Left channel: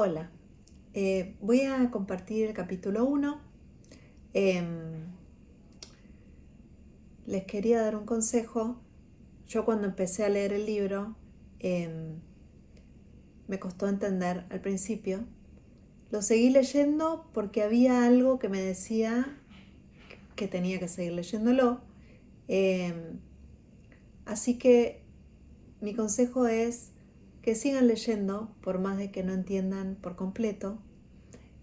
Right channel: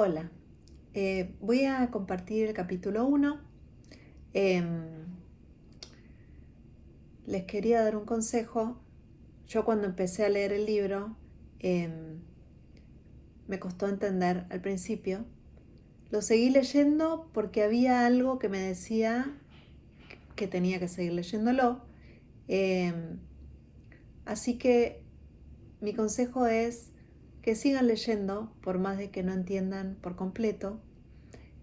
Hola, voy a compartir el capítulo 1. Les quería dar un consejo. Yo cuando empecé a leer el libro me costó entender al principio. Lo seguí leyendo porque había algo que me decía que tenía que seguir leyéndolo. Así que mi consejo es que sigan leyendo por más de que no entiendan por completo.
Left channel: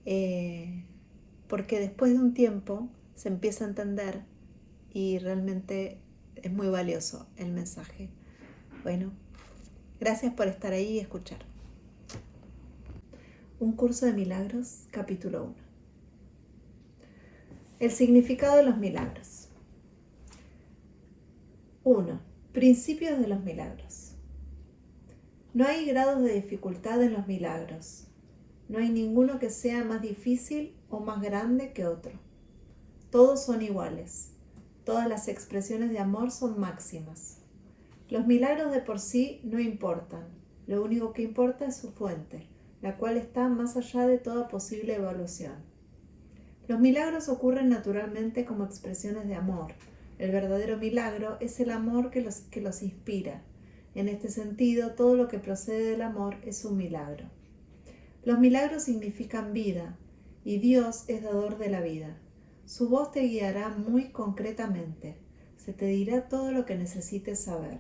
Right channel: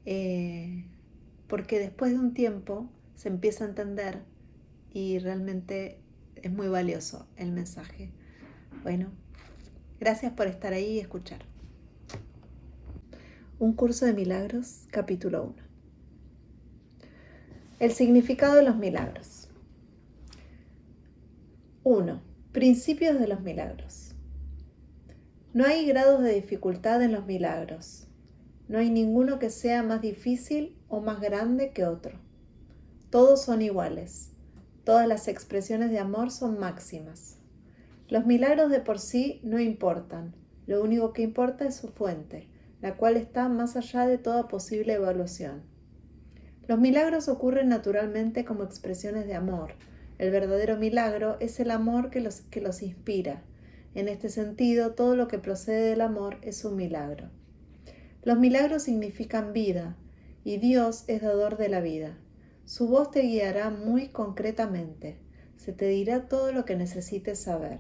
Porque después de un tiempo se empieza a entender y realmente es muy valioso el mensaje. Bueno, gracias por estar ahí y escuchar. Un curso de milagros, capítulo 1. El significado de los milagros. 1. Principios de los milagros. No hay grados de dificultad en los milagros. No hay ninguno que sea más difícil o más grande que otro. Todos son iguales. Todas las expresiones de amor son máximas. Los milagros de por sí no importan. Lo único que importa es su fuente, la cual está más allá de toda posible evaluación. Los milagros ocurren naturalmente como expresiones de amor. El verdadero milagro es el amor que los inspira. En este sentido, todo lo que procede del amor es un milagro. Los milagros significan vida, y Dios es dador de la vida. Su voz te guiará muy concretamente. Se te dirá todo lo que necesites saber.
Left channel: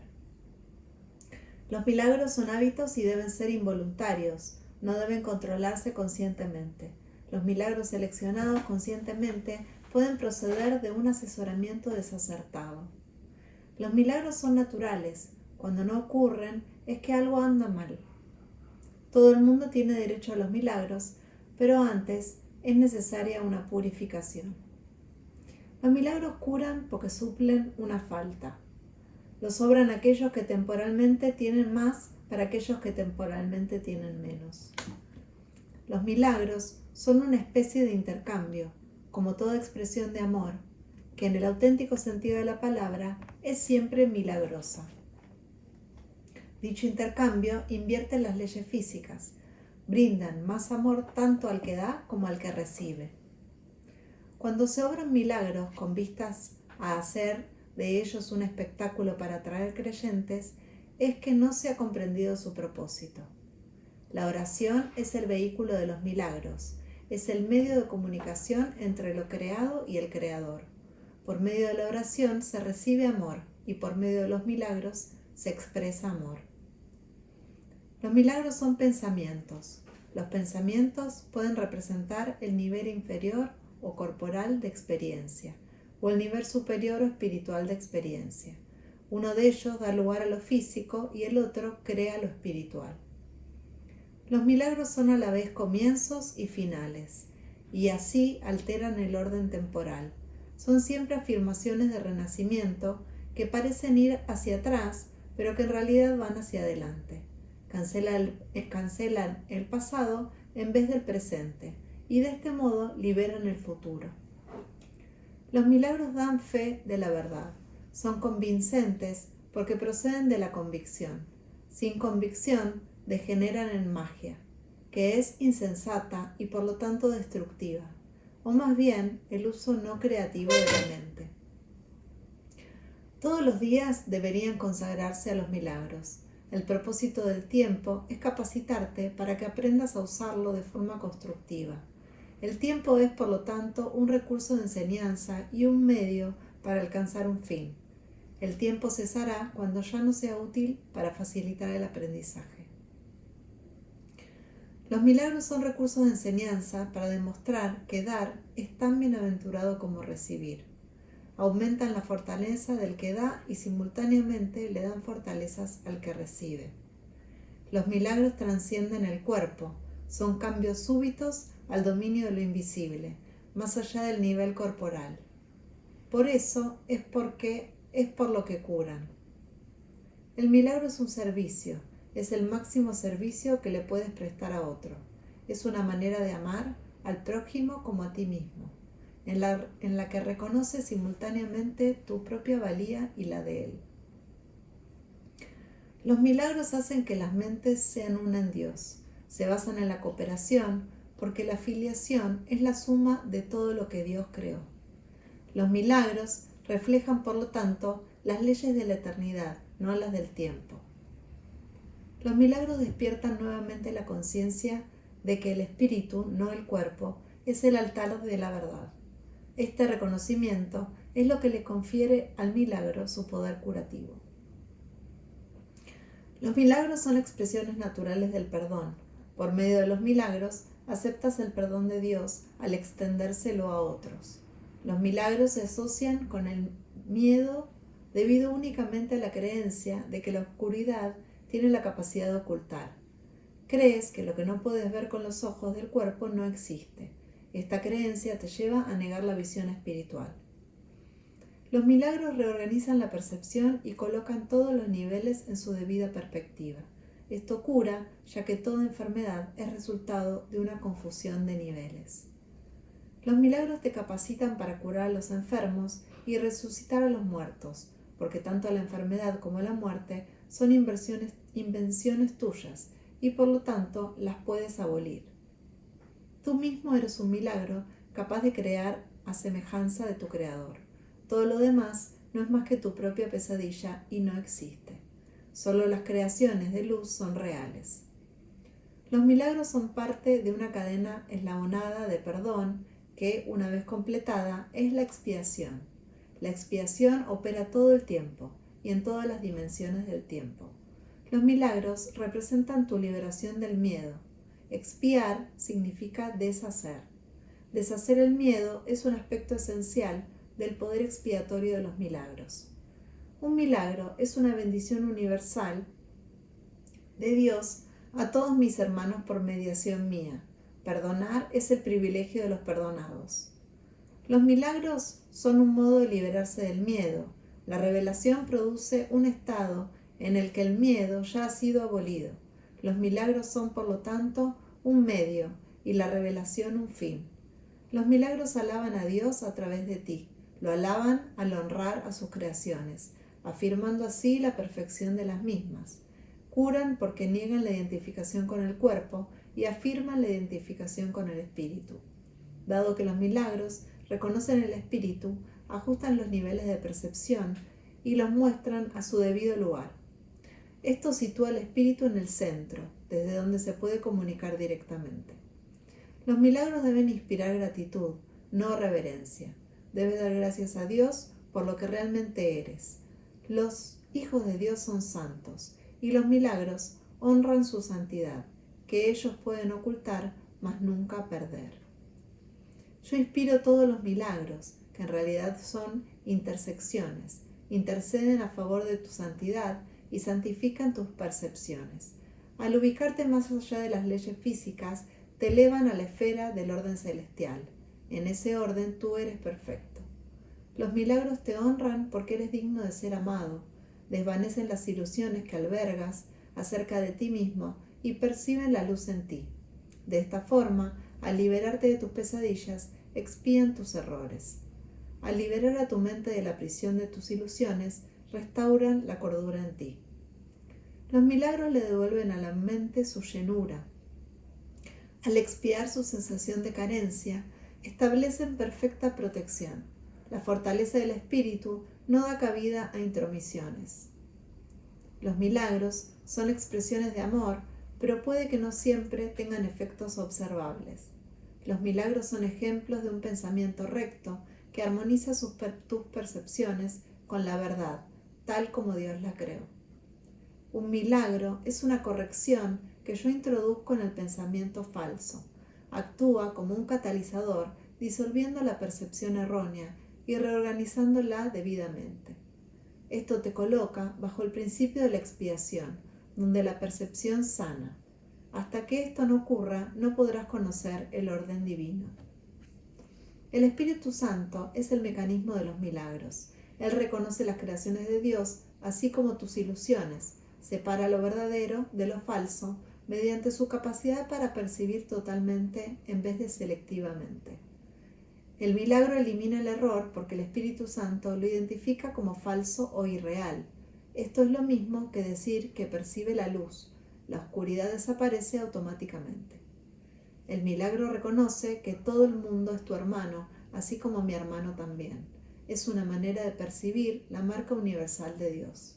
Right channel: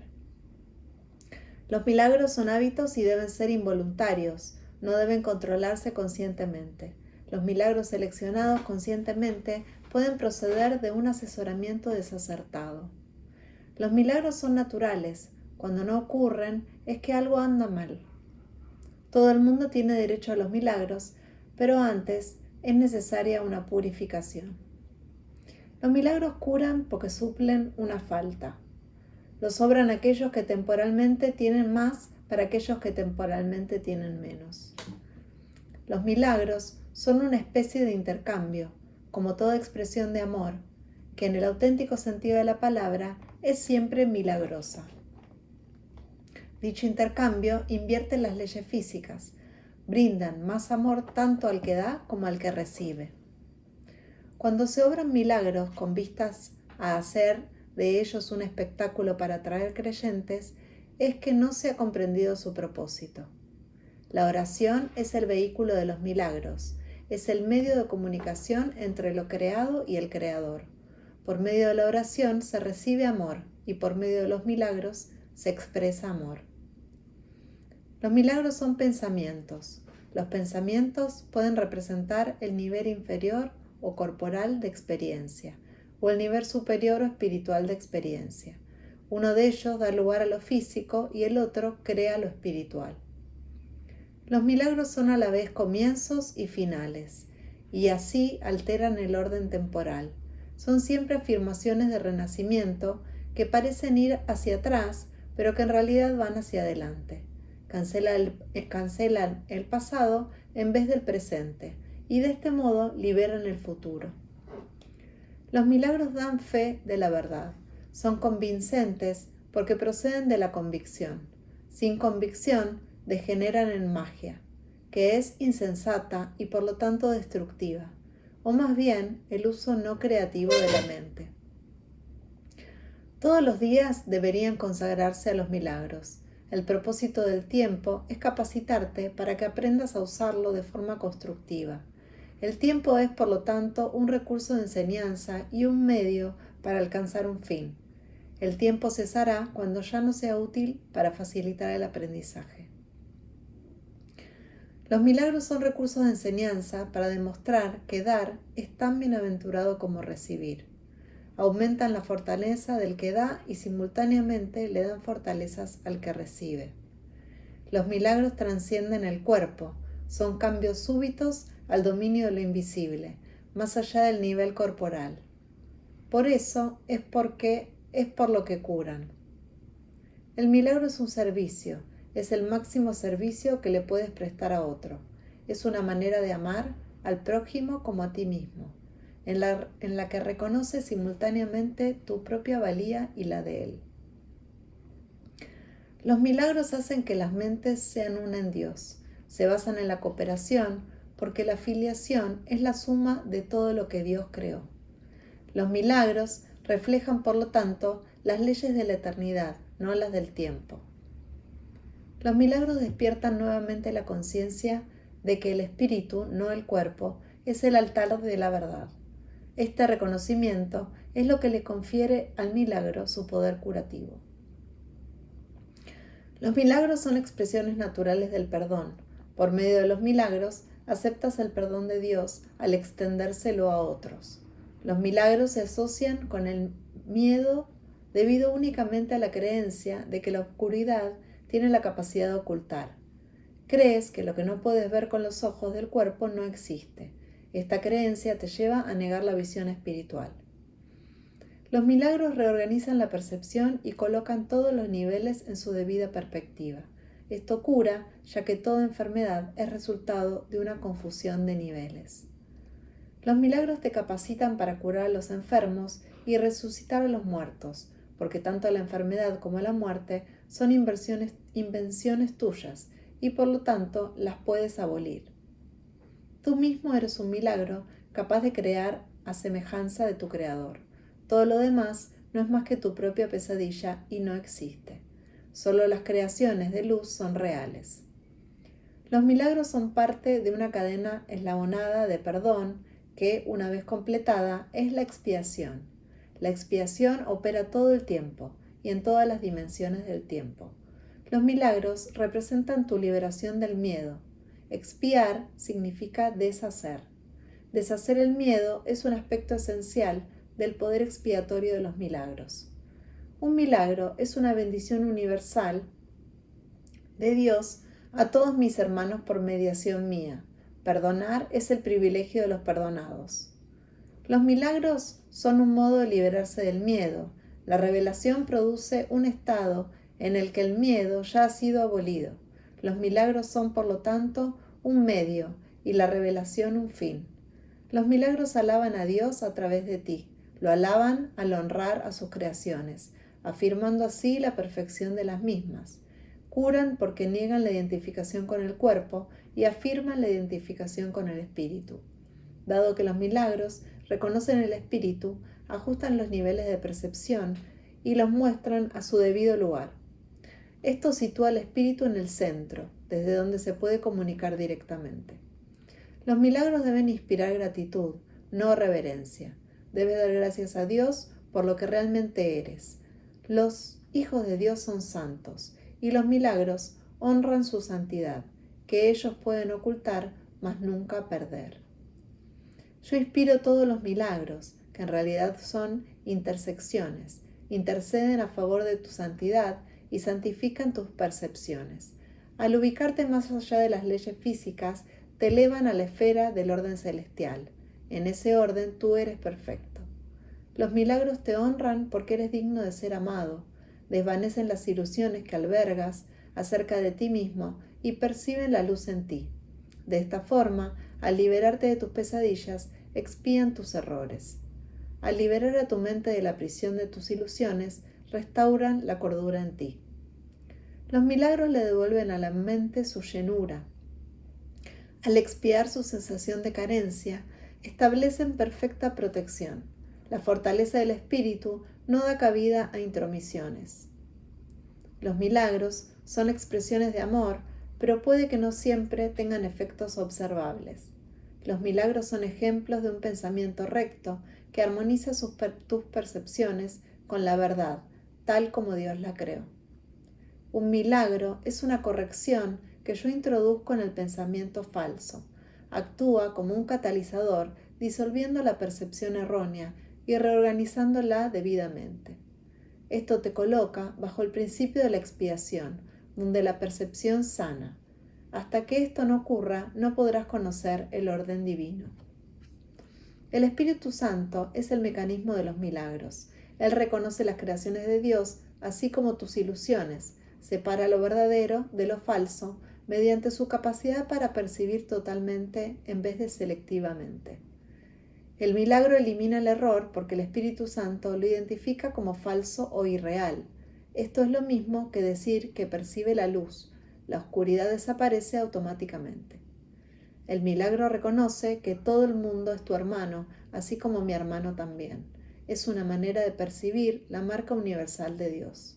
Los milagros son hábitos y deben ser involuntarios, no deben controlarse conscientemente. Los milagros seleccionados conscientemente pueden proceder de un asesoramiento desacertado. Los milagros son naturales. Cuando no ocurren, es que algo anda mal. Todo el mundo tiene derecho a los milagros, pero antes es necesaria una purificación. Los milagros curan porque suplen una falta. Los sobran aquellos que temporalmente tienen más para aquellos que temporalmente tienen menos. Los milagros son una especie de intercambio, como toda expresión de amor, que en el auténtico sentido de la palabra es siempre milagrosa. Dicho intercambio invierte las leyes físicas, brindan más amor tanto al que da como al que recibe. Cuando se obran milagros con vistas a hacer de ellos un espectáculo para atraer creyentes, es que no se ha comprendido su propósito. La oración es el vehículo de los milagros, es el medio de comunicación entre lo creado y el Creador. Por medio de la oración se recibe amor y por medio de los milagros se expresa amor. Los milagros son pensamientos. Los pensamientos pueden representar el nivel inferior o corporal de experiencia, o el nivel superior o espiritual de experiencia. Uno de ellos da lugar a lo físico y el otro crea lo espiritual. Los milagros son a la vez comienzos y finales, y así alteran el orden temporal. Son siempre afirmaciones de renacimiento que parecen ir hacia atrás, pero que en realidad van hacia adelante. Cancelan el pasado en vez del presente, y de este modo liberan el futuro. Los milagros dan fe de la verdad. Son convincentes porque proceden de la convicción. Sin convicción, degeneran en magia, que es insensata y por lo tanto destructiva, o más bien el uso no creativo de la mente. Todos los días deberían consagrarse a los milagros. El propósito del tiempo es capacitarte para que aprendas a usarlo de forma constructiva. El tiempo es, por lo tanto, un recurso de enseñanza y un medio para alcanzar un fin. El tiempo cesará cuando ya no sea útil para facilitar el aprendizaje. Los milagros son recursos de enseñanza para demostrar que dar es tan bienaventurado como recibir. Aumentan la fortaleza del que da y simultáneamente le dan fortalezas al que recibe. Los milagros trascienden el cuerpo, son cambios súbitos al dominio de lo invisible, más allá del nivel corporal. Por eso es por lo que curan. El milagro es un servicio, es el máximo servicio que le puedes prestar a otro. Es una manera de amar al prójimo como a ti mismo, en la que reconoces simultáneamente tu propia valía y la de él. Los milagros hacen que las mentes sean una en Dios. Se basan en la cooperación porque la filiación es la suma de todo lo que Dios creó. Los milagros reflejan, por lo tanto, las leyes de la eternidad, no las del tiempo. Los milagros despiertan nuevamente la conciencia de que el espíritu, no el cuerpo, es el altar de la verdad. Este reconocimiento es lo que le confiere al milagro su poder curativo. Los milagros son expresiones naturales del perdón. Por medio de los milagros, aceptas el perdón de Dios al extendérselo a otros. Los milagros se asocian con el miedo debido únicamente a la creencia de que la oscuridad tiene la capacidad de ocultar. Crees que lo que no puedes ver con los ojos del cuerpo no existe. Esta creencia te lleva a negar la visión espiritual. Los milagros reorganizan la percepción y colocan todos los niveles en su debida perspectiva. Esto cura, ya que toda enfermedad es resultado de una confusión de niveles. Los milagros te capacitan para curar a los enfermos y resucitar a los muertos, porque tanto la enfermedad como la muerte son invenciones tuyas y por lo tanto las puedes abolir. Tú mismo eres un milagro capaz de crear a semejanza de tu Creador. Todo lo demás no es más que tu propia pesadilla y no existe. Solo las creaciones de luz son reales. Los milagros son parte de una cadena eslabonada de perdón que, una vez completada, es la expiación. La expiación opera todo el tiempo y en todas las dimensiones del tiempo. Los milagros representan tu liberación del miedo. Expiar significa deshacer. Deshacer el miedo es un aspecto esencial del poder expiatorio de los milagros. Un milagro es una bendición universal de Dios a todos mis hermanos por mediación mía. Perdonar es el privilegio de los perdonados. Los milagros son un modo de liberarse del miedo. La revelación produce un estado en el que el miedo ya ha sido abolido. Los milagros son, por lo tanto, un medio y la revelación un fin. Los milagros alaban a Dios a través de ti. Lo alaban al honrar a sus creaciones, afirmando así la perfección de las mismas. Curan porque niegan la identificación con el cuerpo y afirman la identificación con el espíritu. Dado que los milagros reconocen el espíritu, ajustan los niveles de percepción y los muestran a su debido lugar. Esto sitúa al espíritu en el centro, desde donde se puede comunicar directamente. Los milagros deben inspirar gratitud, no reverencia. Debes dar gracias a Dios por lo que realmente eres. Los hijos de Dios son santos, y los milagros honran su santidad, que ellos pueden ocultar, mas nunca perder. Yo inspiro todos los milagros, que en realidad son intersecciones, interceden a favor de tu santidad y santifican tus percepciones. Al ubicarte más allá de las leyes físicas, te elevan a la esfera del orden celestial. En ese orden tú eres perfecto. Los milagros te honran porque eres digno de ser amado, desvanecen las ilusiones que albergas acerca de ti mismo y perciben la luz en ti. De esta forma, al liberarte de tus pesadillas, expían tus errores. Al liberar a tu mente de la prisión de tus ilusiones, restauran la cordura en ti. Los milagros le devuelven a la mente su llenura. Al expiar su sensación de carencia, establecen perfecta protección. La fortaleza del espíritu no da cabida a intromisiones. Los milagros son expresiones de amor, pero puede que no siempre tengan efectos observables. Los milagros son ejemplos de un pensamiento recto que armoniza tus percepciones con la verdad, tal como Dios la creó. Un milagro es una corrección que yo introduzco en el pensamiento falso. Actúa como un catalizador, disolviendo la percepción errónea y reorganizándola debidamente. Esto te coloca bajo el principio de la expiación, donde la percepción sana. Hasta que esto no ocurra, no podrás conocer el orden divino. El Espíritu Santo es el mecanismo de los milagros. Él reconoce las creaciones de Dios, así como tus ilusiones, separa lo verdadero de lo falso mediante su capacidad para percibir totalmente en vez de selectivamente. El milagro elimina el error porque el Espíritu Santo lo identifica como falso o irreal. Esto es lo mismo que decir que percibe la luz. la oscuridad desaparece automáticamente. El milagro reconoce que todo el mundo es tu hermano, así como mi hermano también. Es una manera de percibir la marca universal de Dios.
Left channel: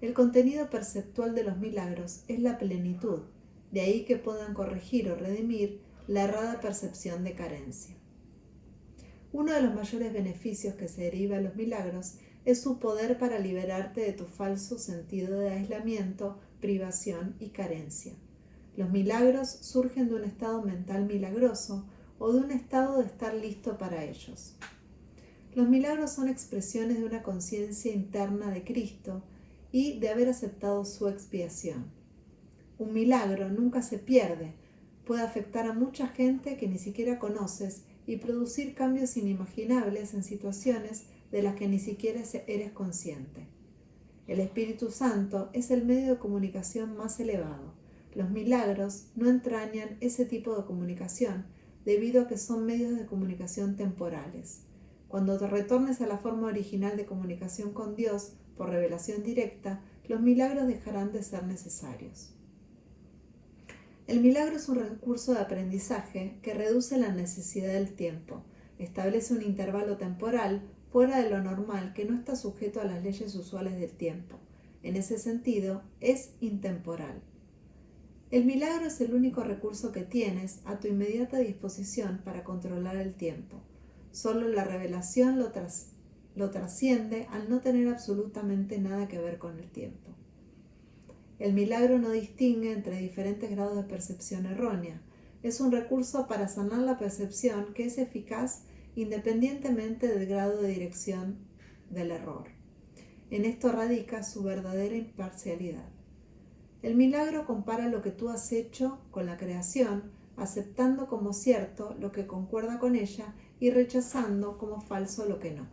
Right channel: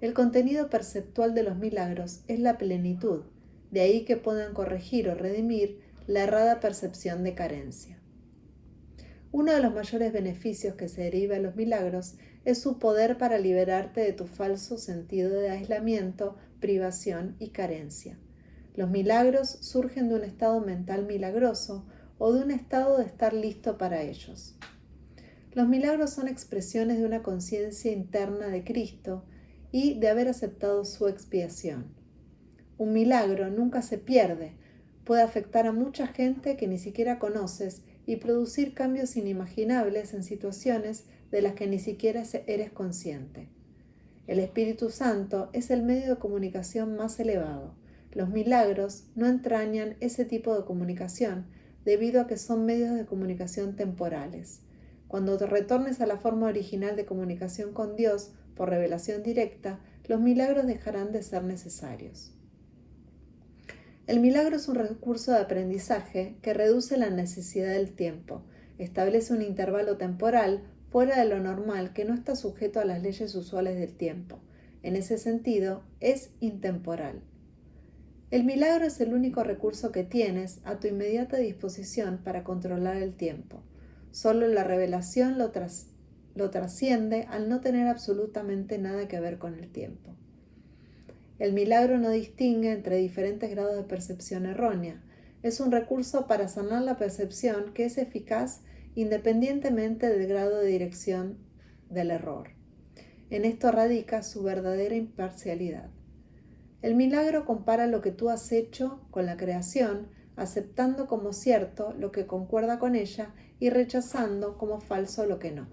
El contenido perceptual de los milagros es la plenitud, de ahí que puedan corregir o redimir la errada percepción de carencia. Uno de los mayores beneficios que se deriva de los milagros es su poder para liberarte de tu falso sentido de aislamiento, privación y carencia. Los milagros surgen de un estado mental milagroso o de un estado de estar listo para ellos. Los milagros son expresiones de una conciencia interna de Cristo y de haber aceptado su expiación. Un milagro nunca se pierde, puede afectar a mucha gente que ni siquiera conoces y producir cambios inimaginables en situaciones de las que ni siquiera eres consciente. El Espíritu Santo es el medio de comunicación más elevado. Los milagros no entrañan ese tipo de comunicación debido a que son medios de comunicación temporales. Cuando te retornes a la forma original de comunicación con Dios por revelación directa, los milagros dejarán de ser necesarios. El milagro es un recurso de aprendizaje que reduce la necesidad del tiempo, establece un intervalo temporal fuera de lo normal que no está sujeto a las leyes usuales del tiempo. En ese sentido, es intemporal. El milagro es el único recurso que tienes a tu inmediata disposición para controlar el tiempo. Solo la revelación lo trasciende al no tener absolutamente nada que ver con el tiempo. El milagro no distingue entre diferentes grados de percepción errónea. Es un recurso para sanar la percepción que es eficaz independientemente del grado de dirección del error. En esto radica su verdadera imparcialidad. El milagro compara lo que tú has hecho con la creación, aceptando como cierto lo que concuerda con ella y rechazando como falso lo que no.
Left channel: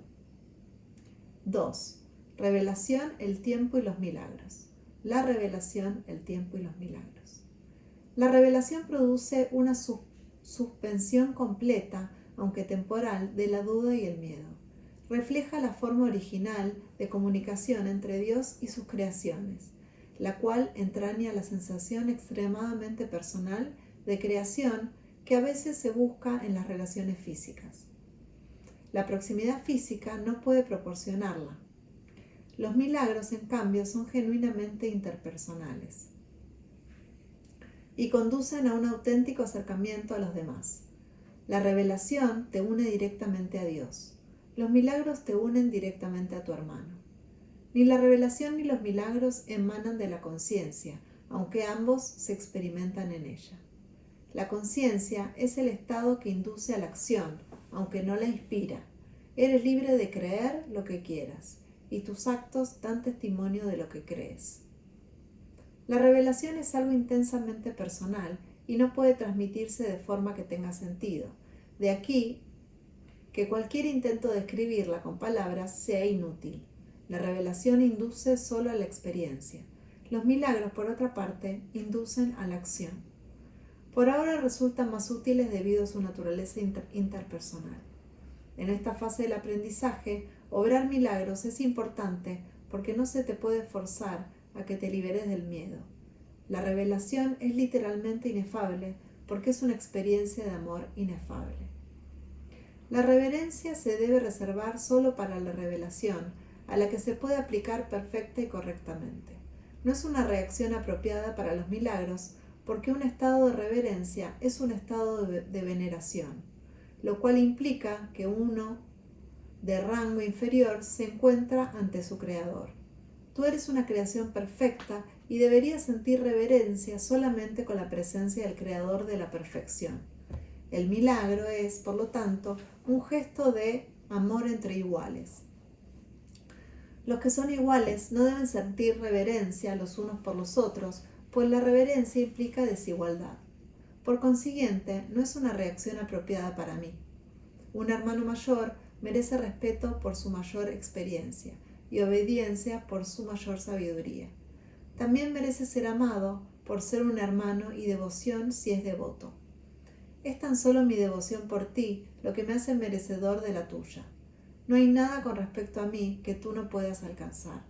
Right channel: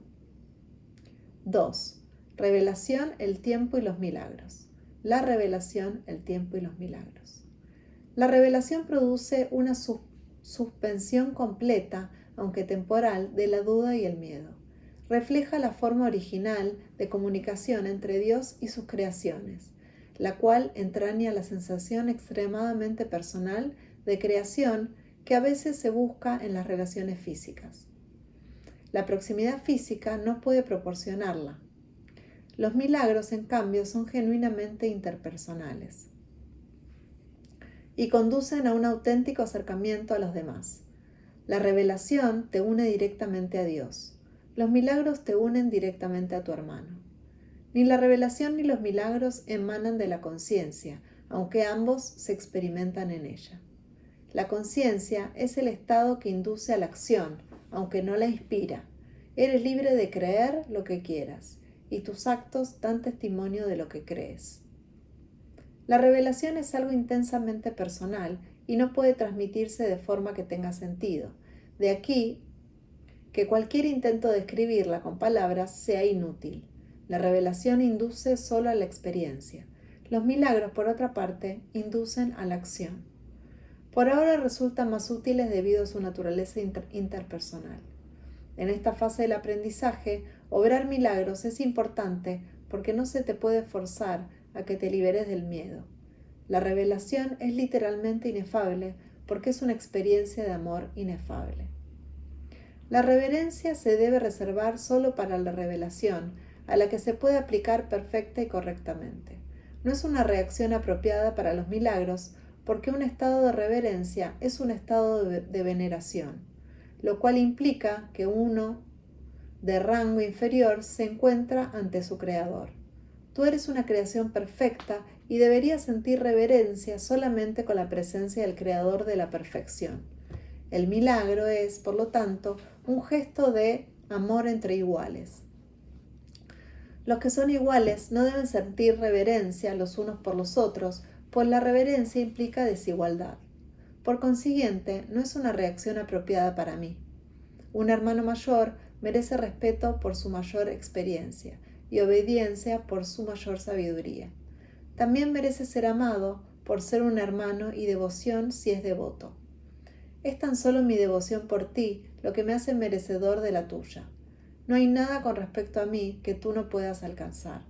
2. Revelación, el tiempo y los milagros. La revelación, el tiempo y los milagros. La revelación produce una suspensión completa, aunque temporal, de la duda y el miedo. Refleja la forma original de comunicación entre Dios y sus creaciones, la cual entraña la sensación extremadamente personal de creación que a veces se busca en las relaciones físicas. La proximidad física no puede proporcionarla. Los milagros, en cambio, son genuinamente interpersonales y conducen a un auténtico acercamiento a los demás. La revelación te une directamente a Dios. Los milagros te unen directamente a tu hermano. Ni la revelación ni los milagros emanan de la conciencia, aunque ambos se experimentan en ella. La conciencia es el estado que induce a la acción, aunque no la inspira. Eres libre de creer lo que quieras, y tus actos dan testimonio de lo que crees. La revelación es algo intensamente personal y no puede transmitirse de forma que tenga sentido. De aquí que cualquier intento de escribirla con palabras sea inútil. La revelación induce solo a la experiencia. Los milagros, por otra parte, inducen a la acción. Por ahora resultan más útiles debido a su naturaleza interpersonal. En esta fase del aprendizaje, obrar milagros es importante porque no se te puede forzar a que te liberes del miedo. La revelación es literalmente inefable porque es una experiencia de amor inefable. La reverencia se debe reservar solo para la revelación, a la que se puede aplicar perfecta y correctamente. No es una reacción apropiada para los milagros, porque un estado de reverencia es un estado de veneración, lo cual implica que uno de rango inferior se encuentra ante su creador. Tú eres una creación perfecta y deberías sentir reverencia solamente con la presencia del creador de la perfección. El milagro es, por lo tanto, un gesto de amor entre iguales. Los que son iguales no deben sentir reverencia los unos por los otros, pues la reverencia implica desigualdad. Por consiguiente, no es una reacción apropiada para mí. Un hermano mayor merece respeto por su mayor experiencia y obediencia por su mayor sabiduría. También merece ser amado por ser un hermano y devoción si es devoto. Es tan solo mi devoción por ti lo que me hace merecedor de la tuya. No hay nada con respecto a mí que tú no puedas alcanzar.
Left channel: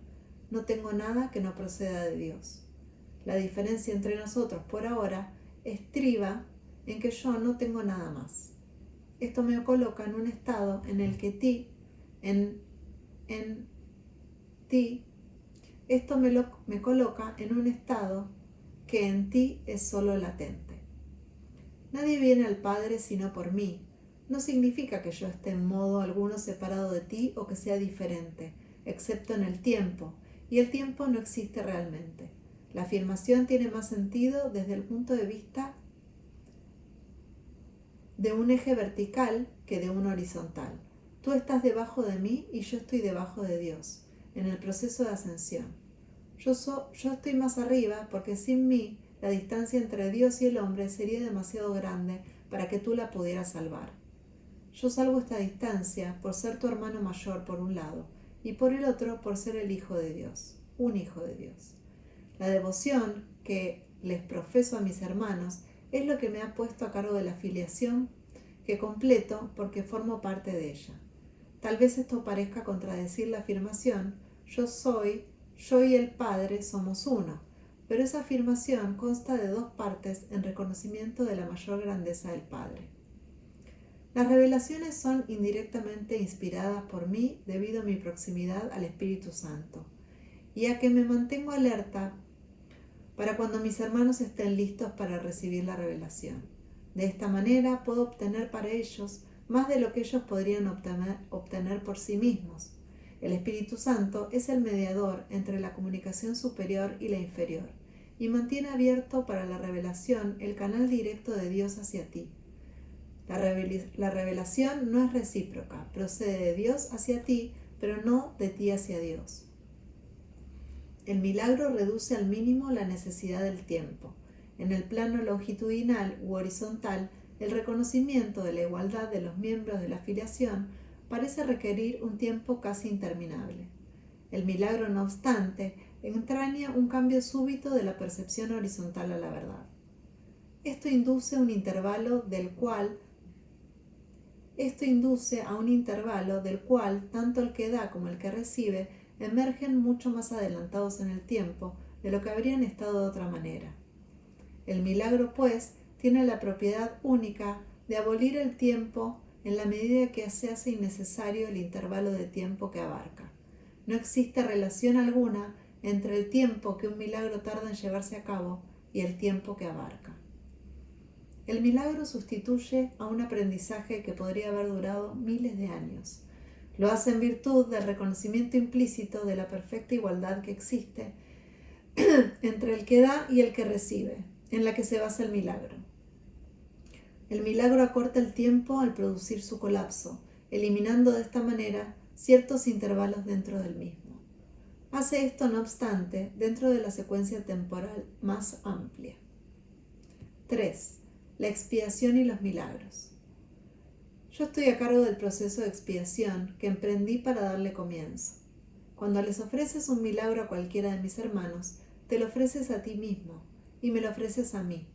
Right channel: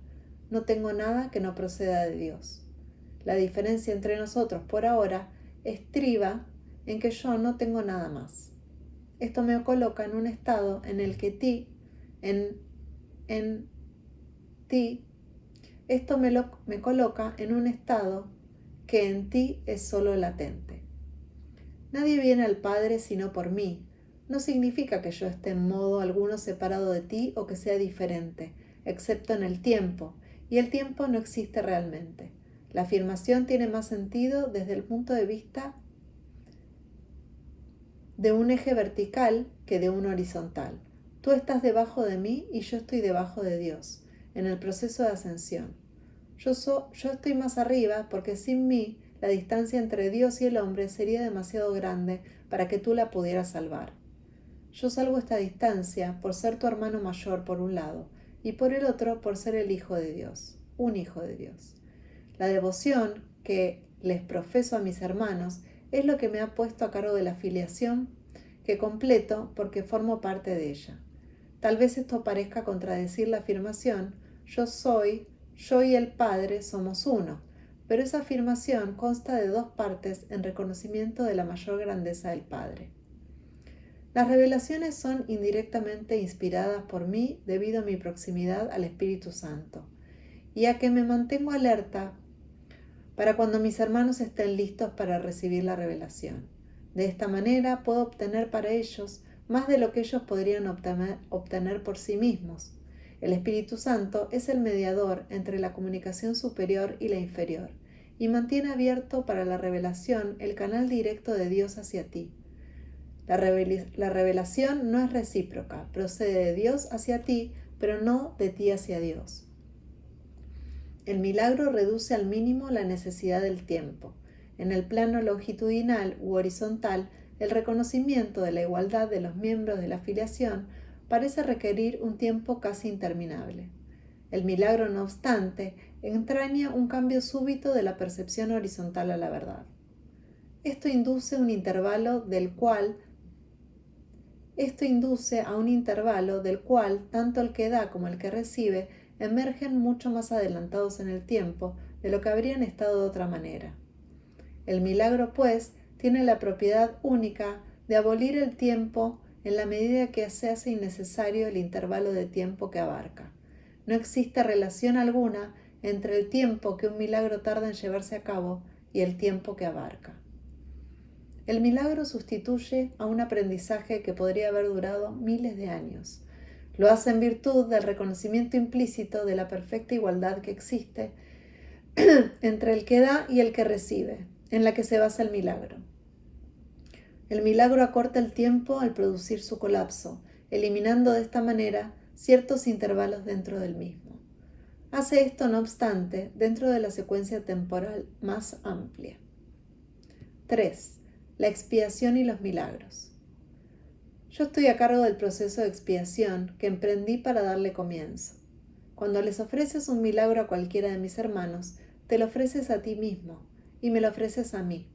No tengo nada que no proceda de Dios. La diferencia entre nosotros por ahora estriba en que yo no tengo nada más. Esto me coloca en un estado en el que esto me coloca en un estado que en ti es solo latente. Nadie viene al Padre sino por mí. No significa que yo esté en modo alguno separado de ti o que sea diferente, excepto en el tiempo, y el tiempo no existe realmente. La afirmación tiene más sentido desde el punto de vista de un eje vertical que de uno horizontal. Tú estás debajo de mí y yo estoy debajo de Dios, en el proceso de ascensión. Yo estoy más arriba porque sin mí la distancia entre Dios y el hombre sería demasiado grande para que tú la pudieras salvar. Yo salvo esta distancia por ser tu hermano mayor por un lado y por el otro por ser el Hijo de Dios, un Hijo de Dios. La devoción que les profeso a mis hermanos es lo que me ha puesto a cargo de la filiación que completo porque formo parte de ella. Tal vez esto parezca contradecir la afirmación yo y el Padre somos uno, pero esa afirmación consta de dos partes en reconocimiento de la mayor grandeza del Padre. Las revelaciones son indirectamente inspiradas por mí debido a mi proximidad al Espíritu Santo y a que me mantengo alerta para cuando mis hermanos estén listos para recibir la revelación. De esta manera puedo obtener para ellos más de lo que ellos podrían obtener por sí mismos. El Espíritu Santo es el mediador entre la comunicación superior y la inferior, y mantiene abierto para la revelación el canal directo de Dios hacia ti. La revelación no es recíproca, procede de Dios hacia ti, pero no de ti hacia Dios. El milagro reduce al mínimo la necesidad del tiempo. En el plano longitudinal u horizontal, el reconocimiento de la igualdad de los miembros de la filiación parece requerir un tiempo casi interminable. El milagro, no obstante, entraña un cambio súbito de la percepción horizontal a la verdad. Esto induce a un intervalo del cual tanto el que da como el que recibe emergen mucho más adelantados en el tiempo de lo que habrían estado de otra manera. El milagro, pues, tiene la propiedad única de abolir el tiempo en la medida que se hace innecesario el intervalo de tiempo que abarca. No existe relación alguna entre el tiempo que un milagro tarda en llevarse a cabo y el tiempo que abarca. El milagro sustituye a un aprendizaje que podría haber durado miles de años. Lo hace en virtud del reconocimiento implícito de la perfecta igualdad que existe entre el que da y el que recibe, en la que se basa el milagro. El milagro acorta el tiempo al producir su colapso, eliminando de esta manera ciertos intervalos dentro del mismo. Hace esto, no obstante, dentro de la secuencia temporal más amplia. 3. La expiación y los milagros. Yo estoy a cargo del proceso de expiación que emprendí para darle comienzo. Cuando les ofreces un milagro a cualquiera de mis hermanos, te lo ofreces a ti mismo y me lo ofreces a mí.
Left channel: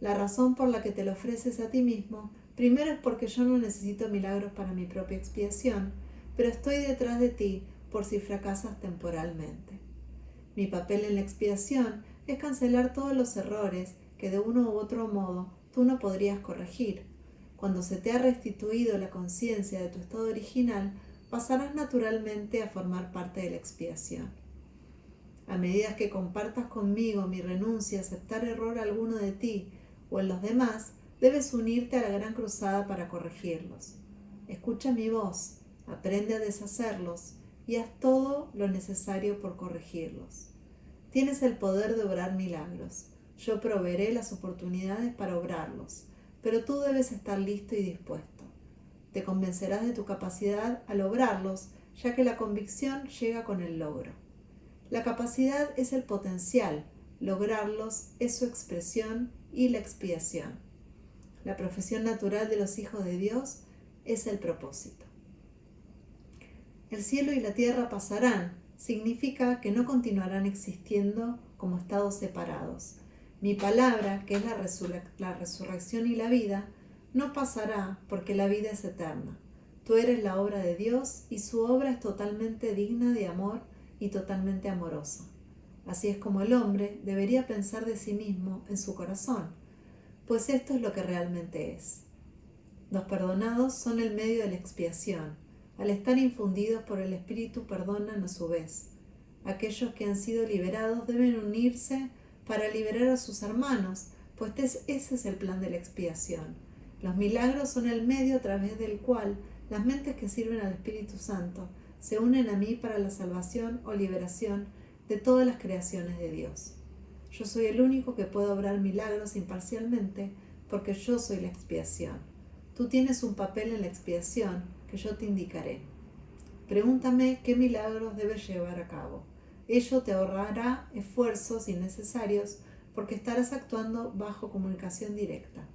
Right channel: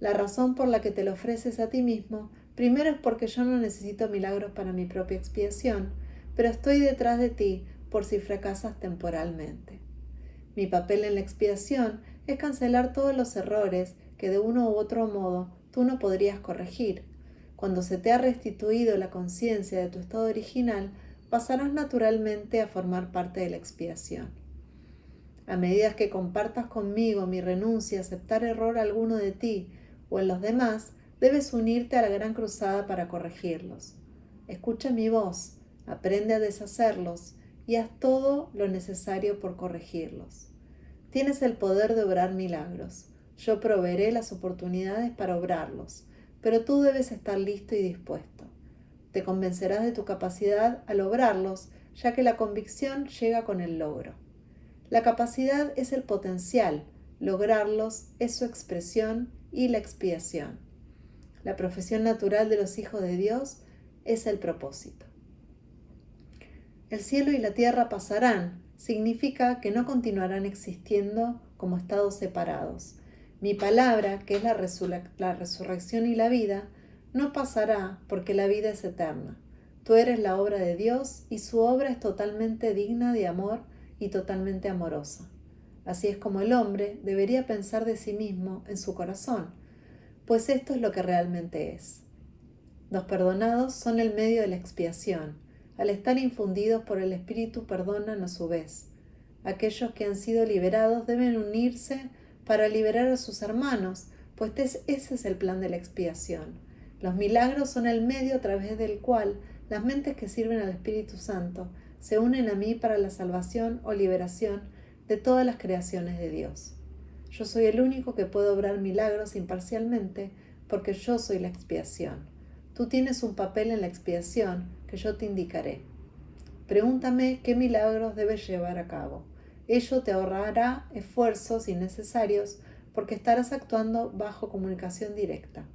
La razón por la que te lo ofreces a ti mismo, primero es porque yo no necesito milagros para mi propia expiación, pero estoy detrás de ti por si fracasas temporalmente. Mi papel en la expiación es cancelar todos los errores que de uno u otro modo tú no podrías corregir. Cuando se te ha restituido la conciencia de tu estado original, pasarás naturalmente a formar parte de la expiación. A medida que compartas conmigo mi renuncia a aceptar error alguno de ti o en los demás, debes unirte a la gran cruzada para corregirlos. Escucha mi voz, aprende a deshacerlos y haz todo lo necesario por corregirlos. Tienes el poder de obrar milagros. Yo proveeré las oportunidades para obrarlos, pero tú debes estar listo y dispuesto. Te convencerás de tu capacidad al obrarlos, ya que la convicción llega con el logro. La capacidad es el potencial, lograrlos es su expresión y la expiación. La profesión natural de los hijos de Dios es el propósito. El cielo y la tierra pasarán, significa que no continuarán existiendo como estados separados. Mi palabra, que es la resurrección y la vida, no pasará porque la vida es eterna. Tú eres la obra de Dios y su obra es totalmente digna de amor y totalmente amorosa. Así es como el hombre debería pensar de sí mismo en su corazón, pues esto es lo que realmente es. Los perdonados son el medio de la expiación. Al estar infundidos por el Espíritu, perdonan a su vez. Aquellos que han sido liberados deben unirse para liberar a sus hermanos, pues ese es el plan de la expiación. Los milagros son el medio a través del cual las mentes que sirven al Espíritu Santo se unen a mí para la salvación o liberación de todas las creaciones de Dios. Yo soy el único que puede obrar milagros imparcialmente porque yo soy la expiación. Tú tienes un papel en la expiación que yo te indicaré. Pregúntame qué milagros debes llevar a cabo. Ello te ahorrará esfuerzos innecesarios porque estarás actuando bajo comunicación directa.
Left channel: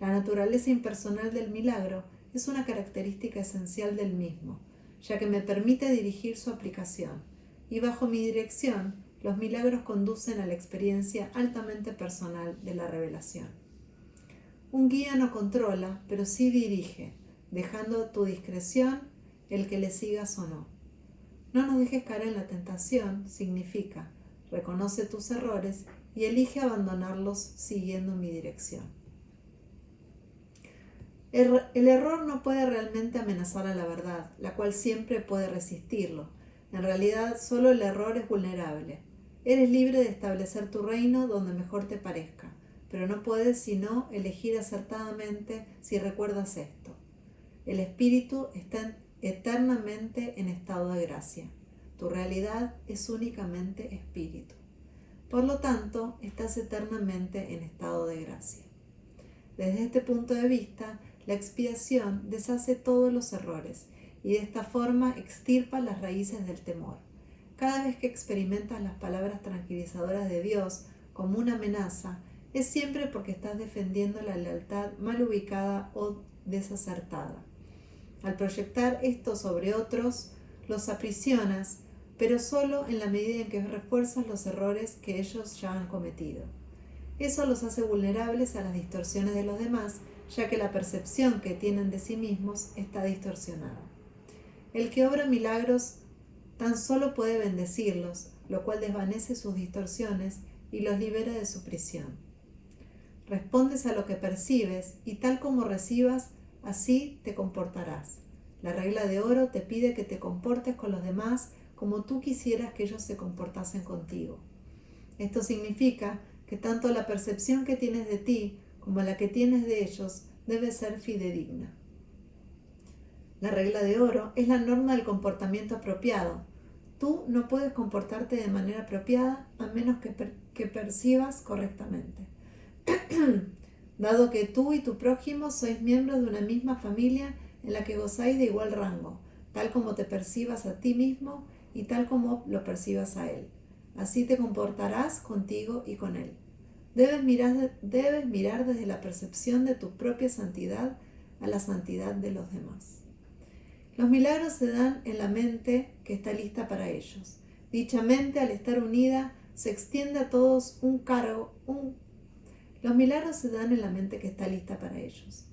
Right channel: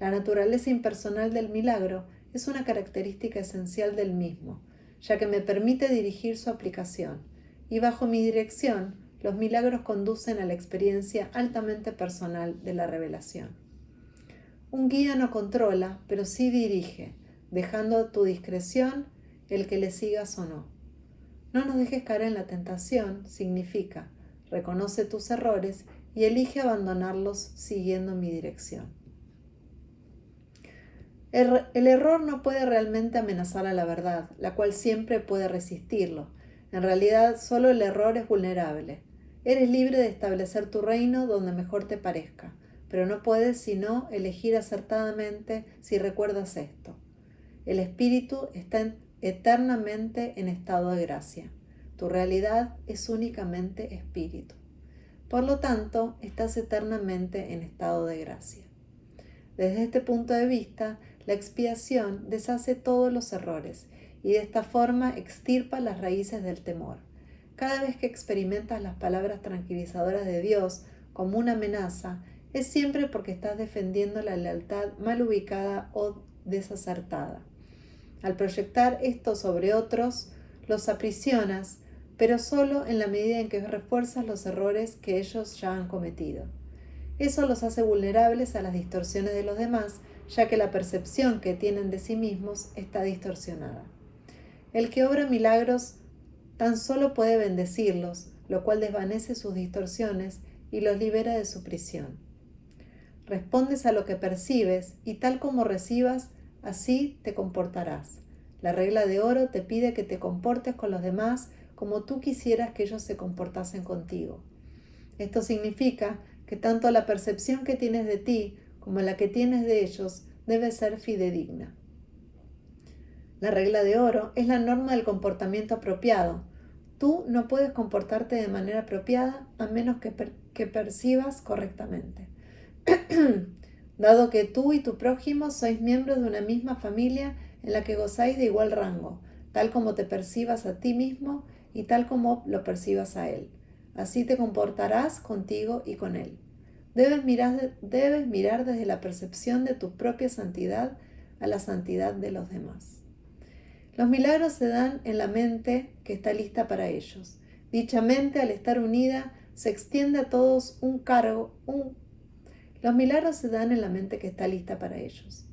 La naturaleza impersonal del milagro es una característica esencial del mismo, ya que me permite dirigir su aplicación, y bajo mi dirección, los milagros conducen a la experiencia altamente personal de la revelación. Un guía no controla, pero sí dirige, dejando a tu discreción el que le sigas o no. No nos dejes caer en la tentación significa, reconoce tus errores y elige abandonarlos siguiendo mi dirección. El error no puede realmente amenazar a la verdad, la cual siempre puede resistirlo. En realidad, solo el error es vulnerable. Eres libre de establecer tu reino donde mejor te parezca, pero no puedes sino elegir acertadamente si recuerdas esto. El espíritu está eternamente en estado de gracia. Tu realidad es únicamente espíritu. Por lo tanto, estás eternamente en estado de gracia. Desde este punto de vista, la expiación deshace todos los errores y de esta forma extirpa las raíces del temor. Cada vez que experimentas las palabras tranquilizadoras de Dios como una amenaza, es siempre porque estás defendiendo la lealtad mal ubicada o desacertada. Al proyectar esto sobre otros, los aprisionas, pero solo en la medida en que refuerzas los errores que ellos ya han cometido. Eso los hace vulnerables a las distorsiones de los demás, ya que la percepción que tienen de sí mismos está distorsionada. El que obra milagros tan solo puede bendecirlos, lo cual desvanece sus distorsiones y los libera de su prisión. Respondes a lo que percibes y tal como recibas, así te comportarás. La regla de oro te pide que te comportes con los demás como tú quisieras que ellos se comportasen contigo. Esto significa que tanto la percepción que tienes de ti como la que tienes de ellos debe ser fidedigna. La regla de oro es la norma del comportamiento apropiado. Tú no puedes comportarte de manera apropiada a menos que percibas correctamente. Dado que tú y tu prójimo sois miembros de una misma familia en la que gozáis de igual rango, tal como te percibas a ti mismo y tal como lo percibas a él. Así te comportarás contigo y con él. Debes mirar desde la percepción de tu propia santidad a la santidad de los demás. Los milagros se dan en la mente que está lista para ellos. Dicha mente, al estar unida, se extiende a todos Los milagros se dan en la mente que está lista para ellos.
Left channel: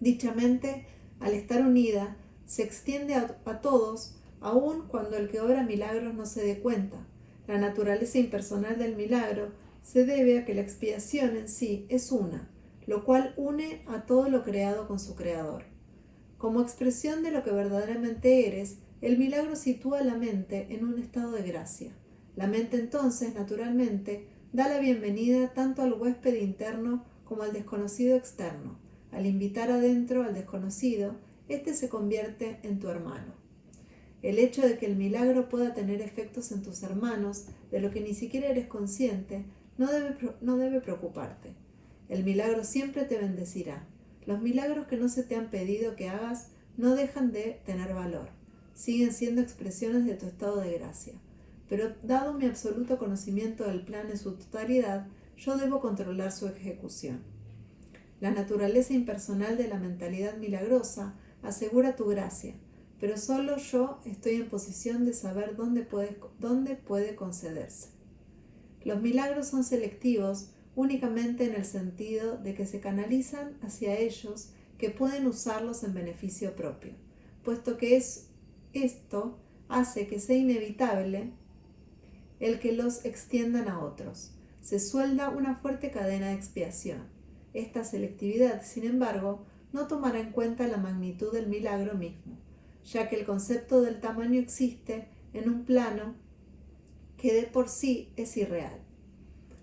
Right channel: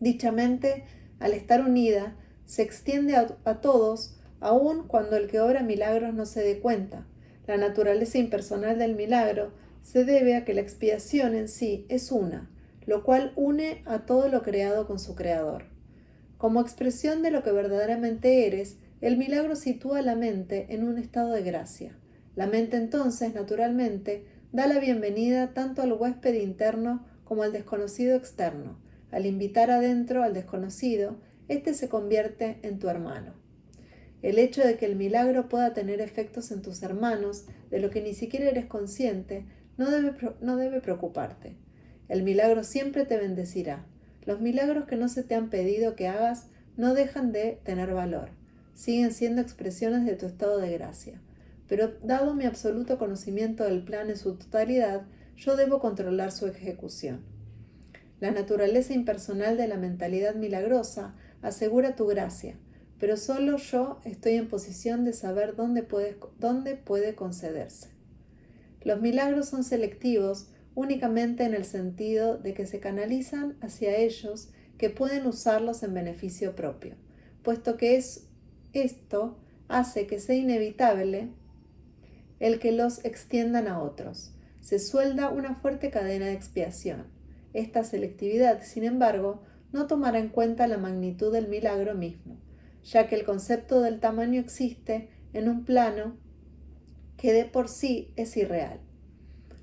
Dicha mente, al estar unida, se extiende a todos, aun cuando el que obra milagros no se dé cuenta. La naturaleza impersonal del milagro se debe a que la expiación en sí es una, lo cual une a todo lo creado con su creador. Como expresión de lo que verdaderamente eres, el milagro sitúa la mente en un estado de gracia. La mente entonces, naturalmente, da la bienvenida tanto al huésped interno como al desconocido externo. Al invitar adentro al desconocido, éste se convierte en tu hermano. El hecho de que el milagro pueda tener efectos en tus hermanos, de lo que ni siquiera eres consciente, no debe preocuparte. El milagro siempre te bendecirá. Los milagros que no se te han pedido que hagas no dejan de tener valor. Siguen siendo expresiones de tu estado de gracia. Pero dado mi absoluto conocimiento del plan en su totalidad, yo debo controlar su ejecución. La naturaleza impersonal de la mentalidad milagrosa asegura tu gracia, pero solo yo estoy en posición de saber dónde puede concederse. Los milagros son selectivos únicamente en el sentido de que se canalizan hacia ellos que pueden usarlos en beneficio propio, puesto que esto hace que sea inevitable el que los extiendan a otros. Se suelda una fuerte cadena de expiación. Esta selectividad, sin embargo, no tomará en cuenta la magnitud del milagro mismo, ya que el concepto del tamaño existe en un plano que de por sí es irreal.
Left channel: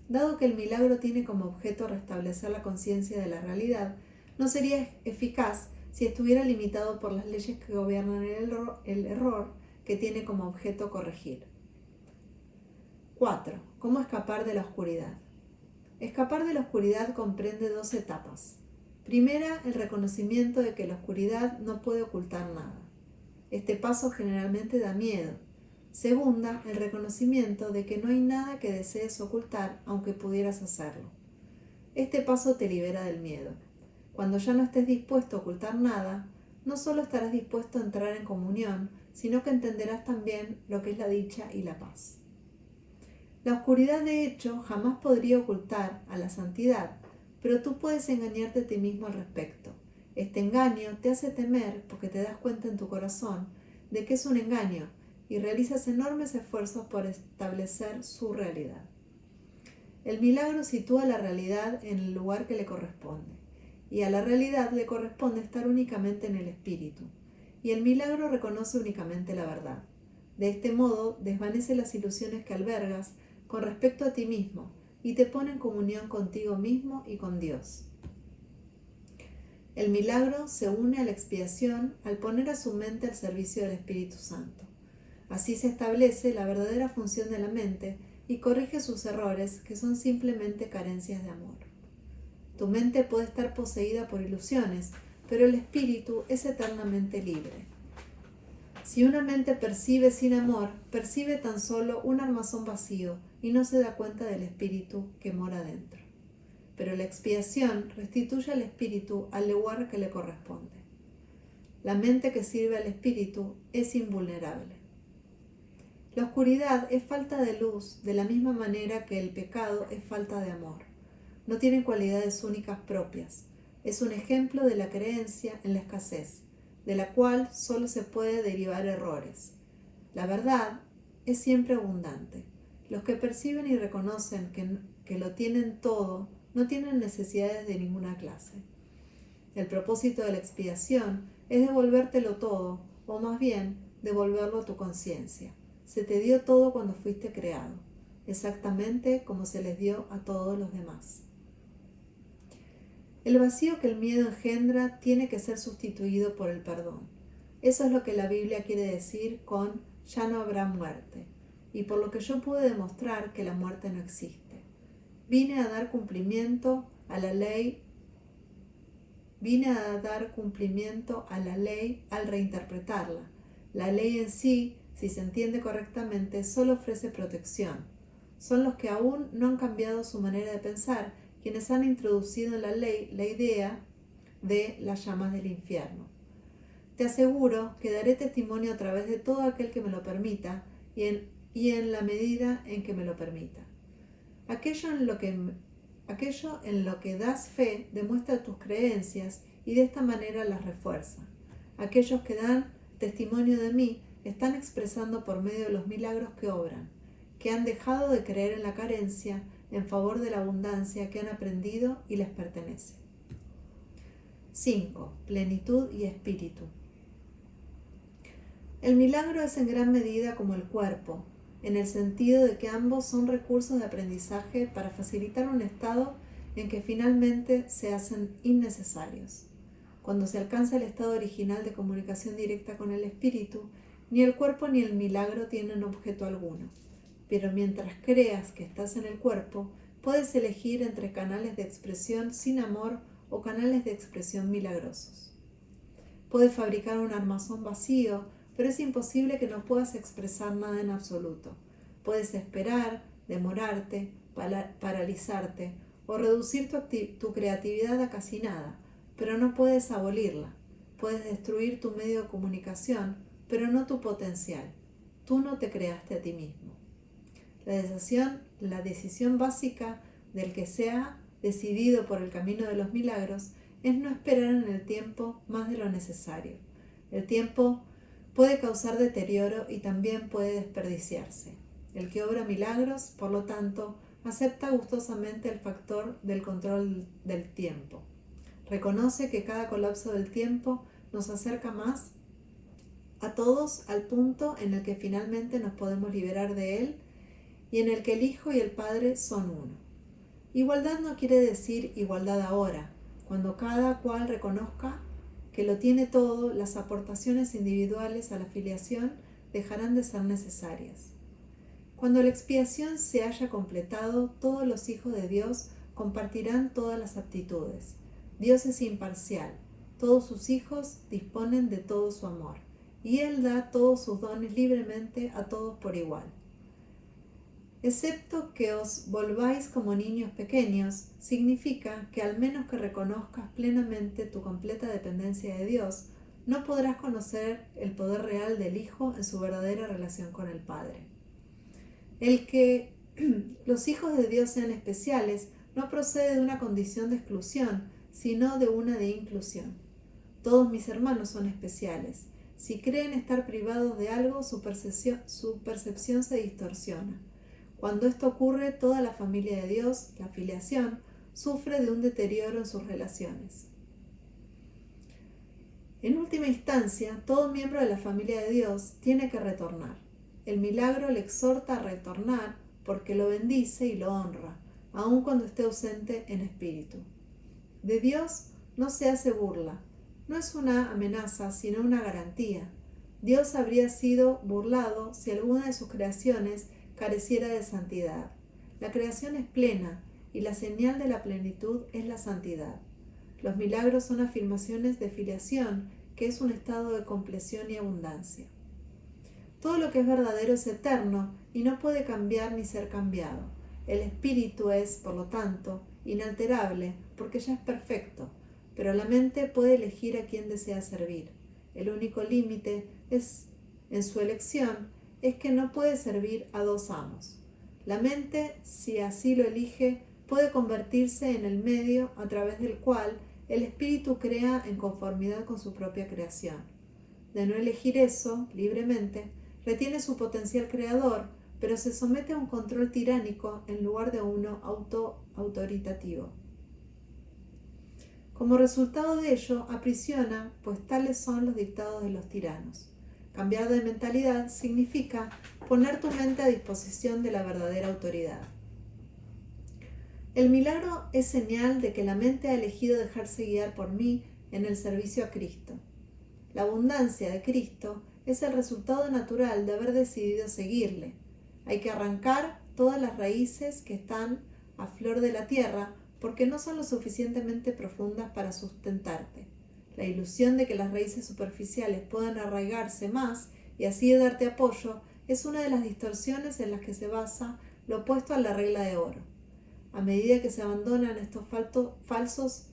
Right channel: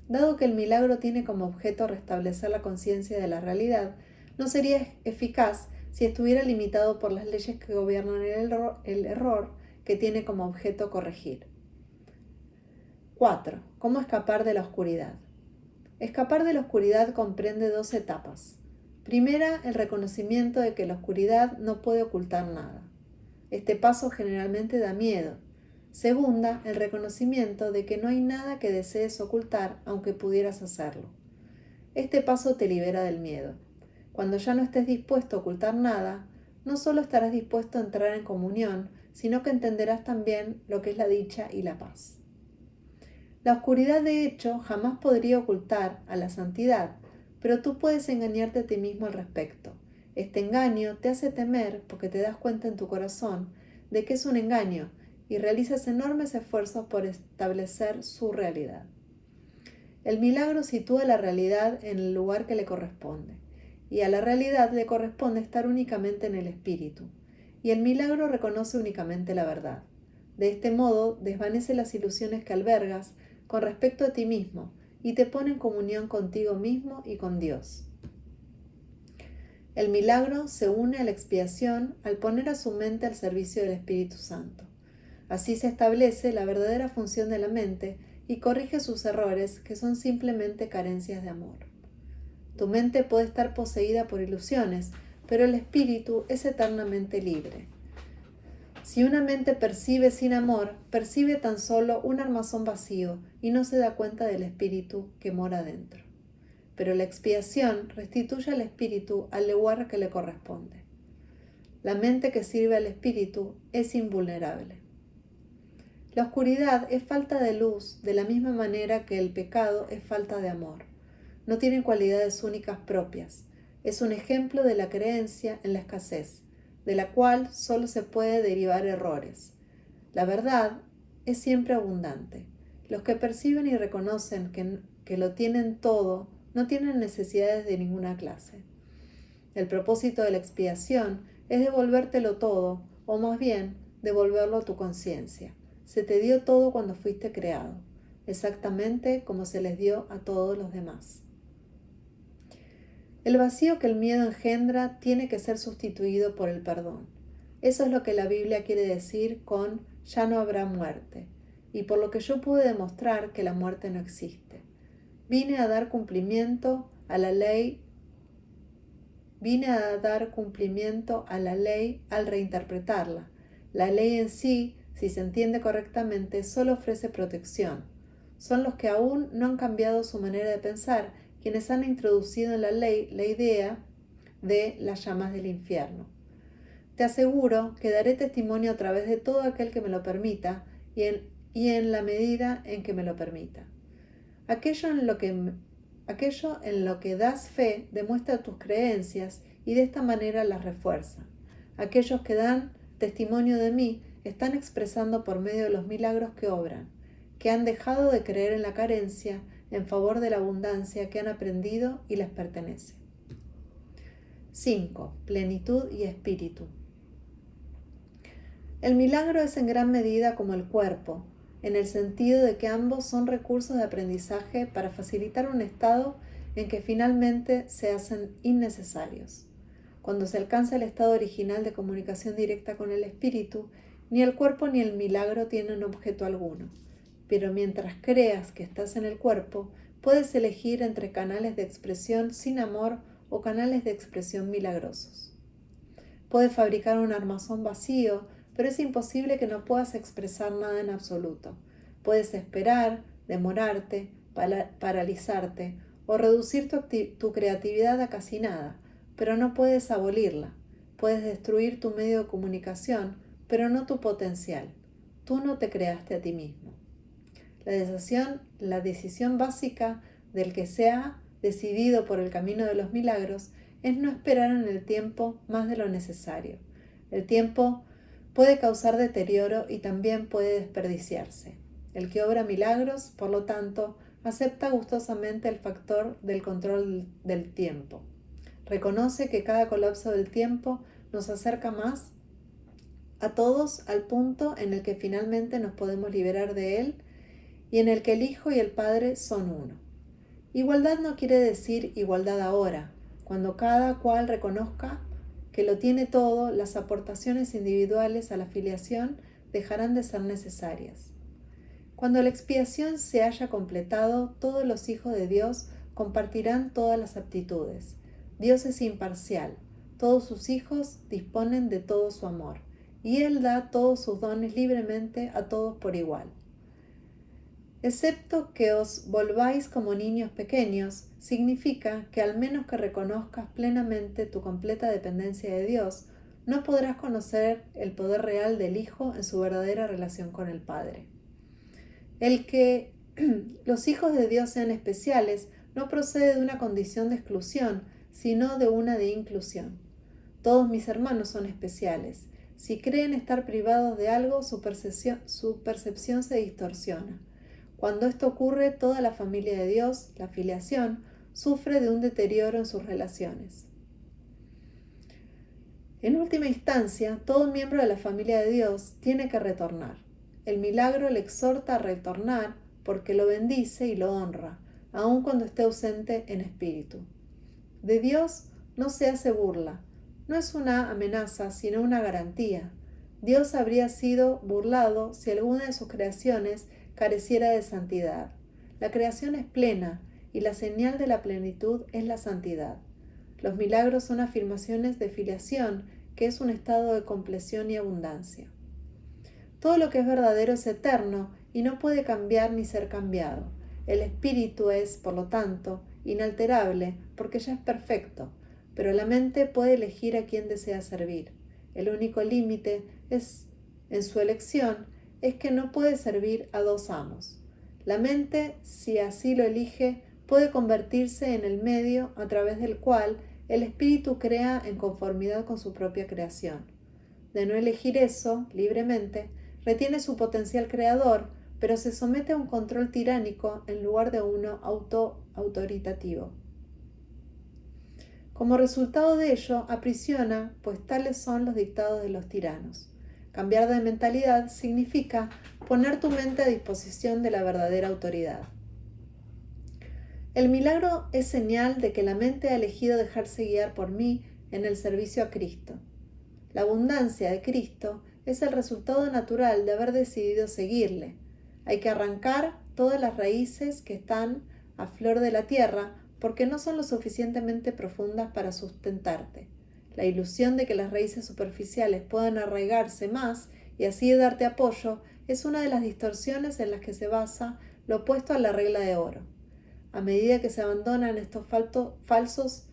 Dado que el milagro tiene como objeto restablecer la conciencia de la realidad, no sería eficaz si estuviera limitado por las leyes que gobiernan el error que tiene como objeto corregir. 4. ¿Cómo escapar de la oscuridad? Escapar de la oscuridad comprende dos etapas. Primera, el reconocimiento de que la oscuridad no puede ocultar nada. Este paso generalmente da miedo. Segunda, el reconocimiento de que no hay nada que desees ocultar aunque pudieras hacerlo. Este paso te libera del miedo. Cuando ya no estés dispuesto a ocultar nada, no solo estarás dispuesto a entrar en comunión, sino que entenderás también lo que es la dicha y la paz. La oscuridad, de hecho, jamás podría ocultar a la santidad, pero tú puedes engañarte a ti mismo al respecto. Este engaño te hace temer porque te das cuenta en tu corazón de que es un engaño y realizas enormes esfuerzos por establecer su realidad. El milagro sitúa la realidad en el lugar que le corresponde, y a la realidad le corresponde estar únicamente en el espíritu, y el milagro reconoce únicamente la verdad. De este modo, desvanece las ilusiones que albergas con respecto a ti mismo y te pone en comunión contigo mismo y con Dios. El milagro se une a la expiación al poner a su mente al servicio del Espíritu Santo. Así se establece la verdadera función de la mente y corrige sus errores, que son simplemente carencias de amor. Tu mente puede estar poseída por ilusiones, pero el espíritu es eternamente libre. Si una mente percibe sin amor, percibe tan solo un armazón vacío y no se da cuenta del espíritu que mora dentro. Pero la expiación restituye al espíritu al lugar que le corresponde. La mente que sirve al espíritu es invulnerable. La oscuridad es falta de luz, de la misma manera que el pecado es falta de amor. No tiene cualidades únicas propias. Es un ejemplo de la creencia en la escasez, de la cual solo se puede derivar errores. La verdad es siempre abundante. Los que perciben y reconocen que lo tienen todo, no tienen necesidades de ninguna clase. El propósito de la expiación es devolvértelo todo, o más bien, devolverlo a tu conciencia. Se te dio todo cuando fuiste creado, exactamente como se les dio a todos los demás. El vacío que el miedo engendra tiene que ser sustituido por el perdón. Eso es lo que la Biblia quiere decir con ya no habrá muerte, y por lo que yo pude demostrar que la muerte no existe. Vine a dar cumplimiento a la ley al reinterpretarla. La ley en sí, si se entiende correctamente, solo ofrece protección. Son los que aún no han cambiado su manera de pensar quienes han introducido en la ley la idea de las llamas del infierno. Te aseguro que daré testimonio a través de todo aquel que me lo permita y en la medida en que me lo permita. Aquello en lo que das fe demuestra tus creencias y de esta manera las refuerza. Aquellos que dan testimonio de mí están expresando por medio de los milagros que obran, que han dejado de creer en la carencia en favor de la abundancia que han aprendido y les pertenece. 5. Plenitud y espíritu. El milagro es en gran medida como el cuerpo, en el sentido de que ambos son recursos de aprendizaje para facilitar un estado en que finalmente se hacen innecesarios. Cuando se alcanza el estado original de comunicación directa con el espíritu, ni el cuerpo ni el milagro tienen objeto alguno. Pero mientras creas que estás en el cuerpo, puedes elegir entre canales de expresión sin amor o canales de expresión milagrosos. Puedes fabricar un armazón vacío, pero es imposible que no puedas expresar nada en absoluto. Puedes esperar, demorarte, paralizarte o reducir tu creatividad a casi nada, pero no puedes abolirla. Puedes destruir tu medio de comunicación, pero no tu potencial. Tú no te creaste a ti mismo. La decisión básica del que se ha decidido por el camino de los milagros es no esperar en el tiempo más de lo necesario. El tiempo puede causar deterioro y también puede desperdiciarse. El que obra milagros, por lo tanto, acepta gustosamente el factor del control del tiempo. Reconoce que cada colapso del tiempo nos acerca más a todos al punto en el que finalmente nos podemos liberar de él y en el que el Hijo y el Padre son uno. Igualdad no quiere decir igualdad ahora. Cuando cada cual reconozca que lo tiene todo, las aportaciones individuales a la filiación dejarán de ser necesarias. Cuando la expiación se haya completado, todos los hijos de Dios compartirán todas las aptitudes. Dios es imparcial. Todos sus hijos disponen de todo su amor, y Él da todos sus dones libremente a todos por igual. Excepto que os volváis como niños pequeños, significa que al menos que reconozcas plenamente tu completa dependencia de Dios, no podrás conocer el poder real del Hijo en su verdadera relación con el Padre. El que los hijos de Dios sean especiales no procede de una condición de exclusión, sino de una de inclusión. Todos mis hermanos son especiales. Si creen estar privados de algo, su percepción se distorsiona. Cuando esto ocurre, toda la familia de Dios, la filiación, sufre de un deterioro en sus relaciones. En última instancia, todo miembro de la familia de Dios tiene que retornar. El milagro le exhorta a retornar porque lo bendice y lo honra, aun cuando esté ausente en espíritu. De Dios no se hace burla. No es una amenaza, sino una garantía. Dios habría sido burlado si alguna de sus creaciones careciera de santidad. La creación es plena y la señal de la plenitud es la santidad. Los milagros son afirmaciones de filiación, que es un estado de compleción y abundancia. Todo lo que es verdadero es eterno y no puede cambiar ni ser cambiado. El espíritu es, por lo tanto, inalterable porque ya es perfecto, pero la mente puede elegir a quién desea servir. El único límite en su elección es que no puede servir a dos amos. La mente, si así lo elige, puede convertirse en el medio a través del cual el espíritu crea en conformidad con su propia creación. De no elegir eso libremente, retiene su potencial creador, pero se somete a un control tiránico en lugar de uno autoritativo. Como resultado de ello, aprisiona, pues tales son los dictados de los tiranos. Cambiar de mentalidad significa poner tu mente a disposición de la verdadera autoridad. El milagro es señal de que la mente ha elegido dejarse guiar por mí en el servicio a Cristo. La abundancia de Cristo es el resultado natural de haber decidido seguirle. Hay que arrancar todas las raíces que están a flor de la tierra porque no son lo suficientemente profundas para sustentarte. La ilusión de que las raíces superficiales puedan arraigarse más y así darte apoyo es una de las distorsiones en las que se basa lo opuesto a la regla de oro. A medida que se abandonan estos falsos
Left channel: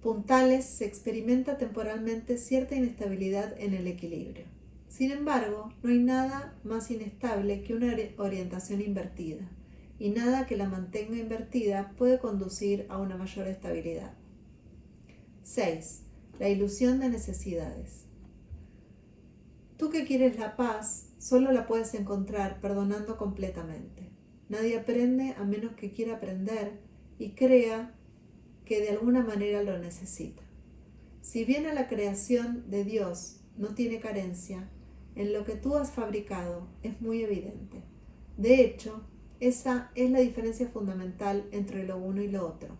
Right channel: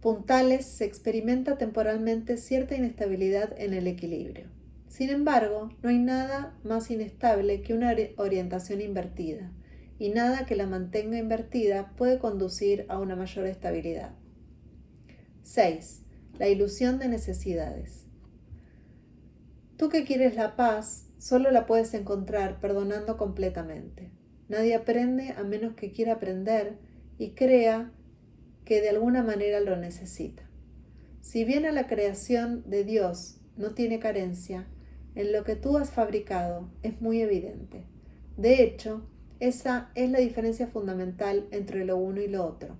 puntales, se experimenta temporalmente cierta inestabilidad en el equilibrio. Sin embargo, no hay nada más inestable que una orientación invertida, y nada que la mantenga invertida puede conducir a una mayor estabilidad. 6. La ilusión de necesidades. Tú que quieres la paz, solo la puedes encontrar perdonando completamente. Nadie aprende a menos que quiera aprender y crea que de alguna manera lo necesita. Si bien a la creación de Dios no tiene carencia, en lo que tú has fabricado es muy evidente. De hecho, esa es la diferencia fundamental entre lo uno y lo otro.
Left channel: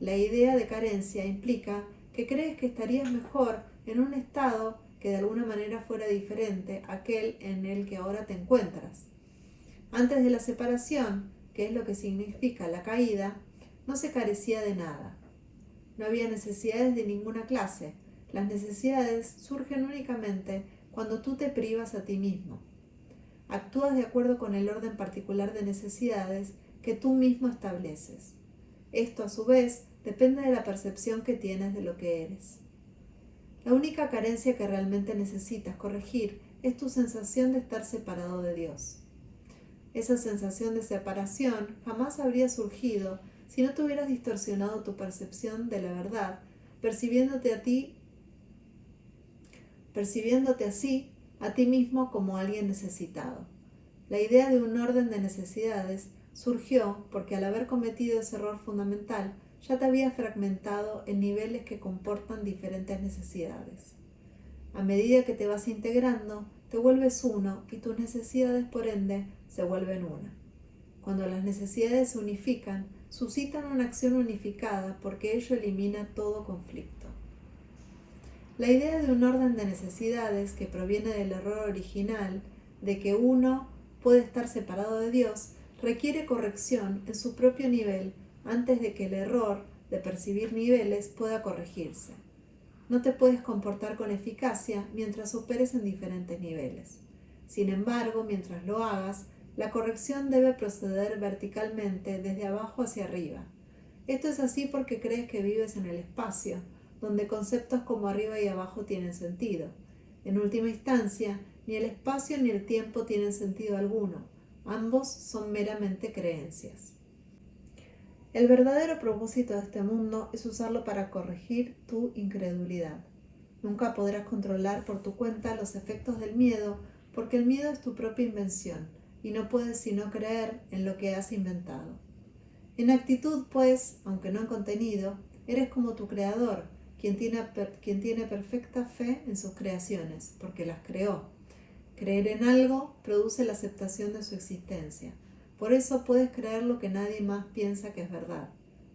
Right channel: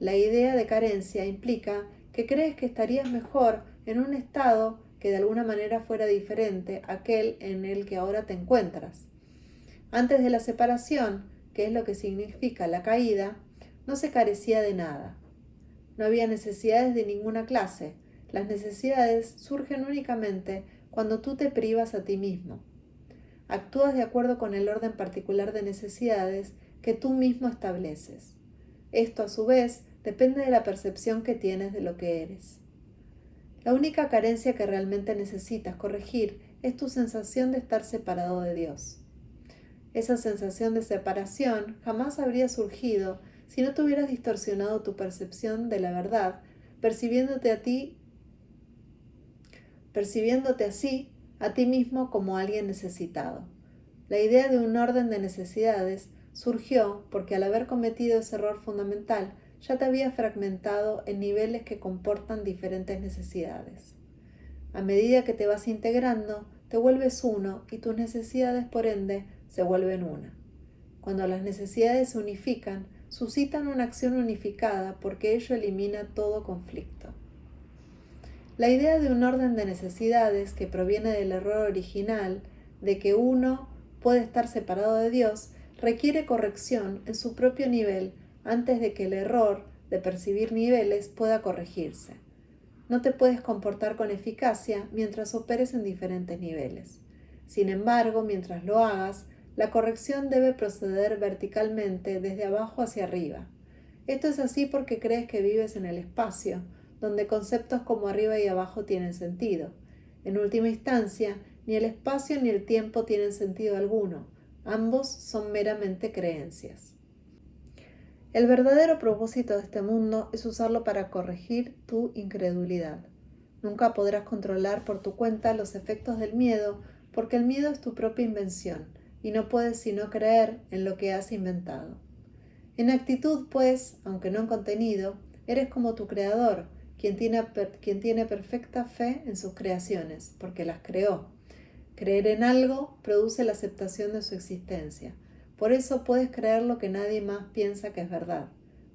La idea de carencia implica que crees que estarías mejor en un estado que de alguna manera fuera diferente a aquel en el que ahora te encuentras. Antes de la separación, que es lo que significa la caída, no se carecía de nada. No había necesidades de ninguna clase. Las necesidades surgen únicamente cuando tú te privas a ti mismo. Actúas de acuerdo con el orden particular de necesidades que tú mismo estableces. Esto, a su vez, depende de la percepción que tienes de lo que eres. La única carencia que realmente necesitas corregir es tu sensación de estar separado de Dios. Esa sensación de separación jamás habría surgido si no te hubieras distorsionado tu percepción de la verdad, percibiéndote así a ti mismo como alguien necesitado. La idea de un orden de necesidades surgió porque al haber cometido ese error fundamental, ya te había fragmentado en niveles que comportan diferentes necesidades. A medida que te vas integrando, te vuelves uno y tus necesidades, por ende, se vuelven una. Cuando las necesidades se unifican, suscitan una acción unificada porque ello elimina todo conflicto. La idea de un orden de necesidades que proviene del error original de que uno puede estar separado de Dios requiere corrección en su propio nivel antes de que el error de percibir niveles pueda corregirse. No te puedes comportar con eficacia mientras operes en diferentes niveles. Sin embargo, mientras lo hagas, la corrección debe proceder verticalmente desde abajo hacia arriba. Esto es así porque crees que vives en el espacio, donde conceptos como arriba y abajo tienen sentido. En última instancia, ni el espacio ni el tiempo tienen sentido alguno. Ambos son meramente creencias. El verdadero propósito de este mundo es usarlo para corregir tu incredulidad. Nunca podrás controlar por tu cuenta los efectos del miedo, porque el miedo es tu propia invención, y no puedes sino creer en lo que has inventado. En actitud, pues, aunque no en contenido, eres como tu creador, quien tiene perfecta fe en sus creaciones, porque las creó. Creer en algo produce la aceptación de su existencia. Por eso puedes creer lo que nadie más piensa que es verdad.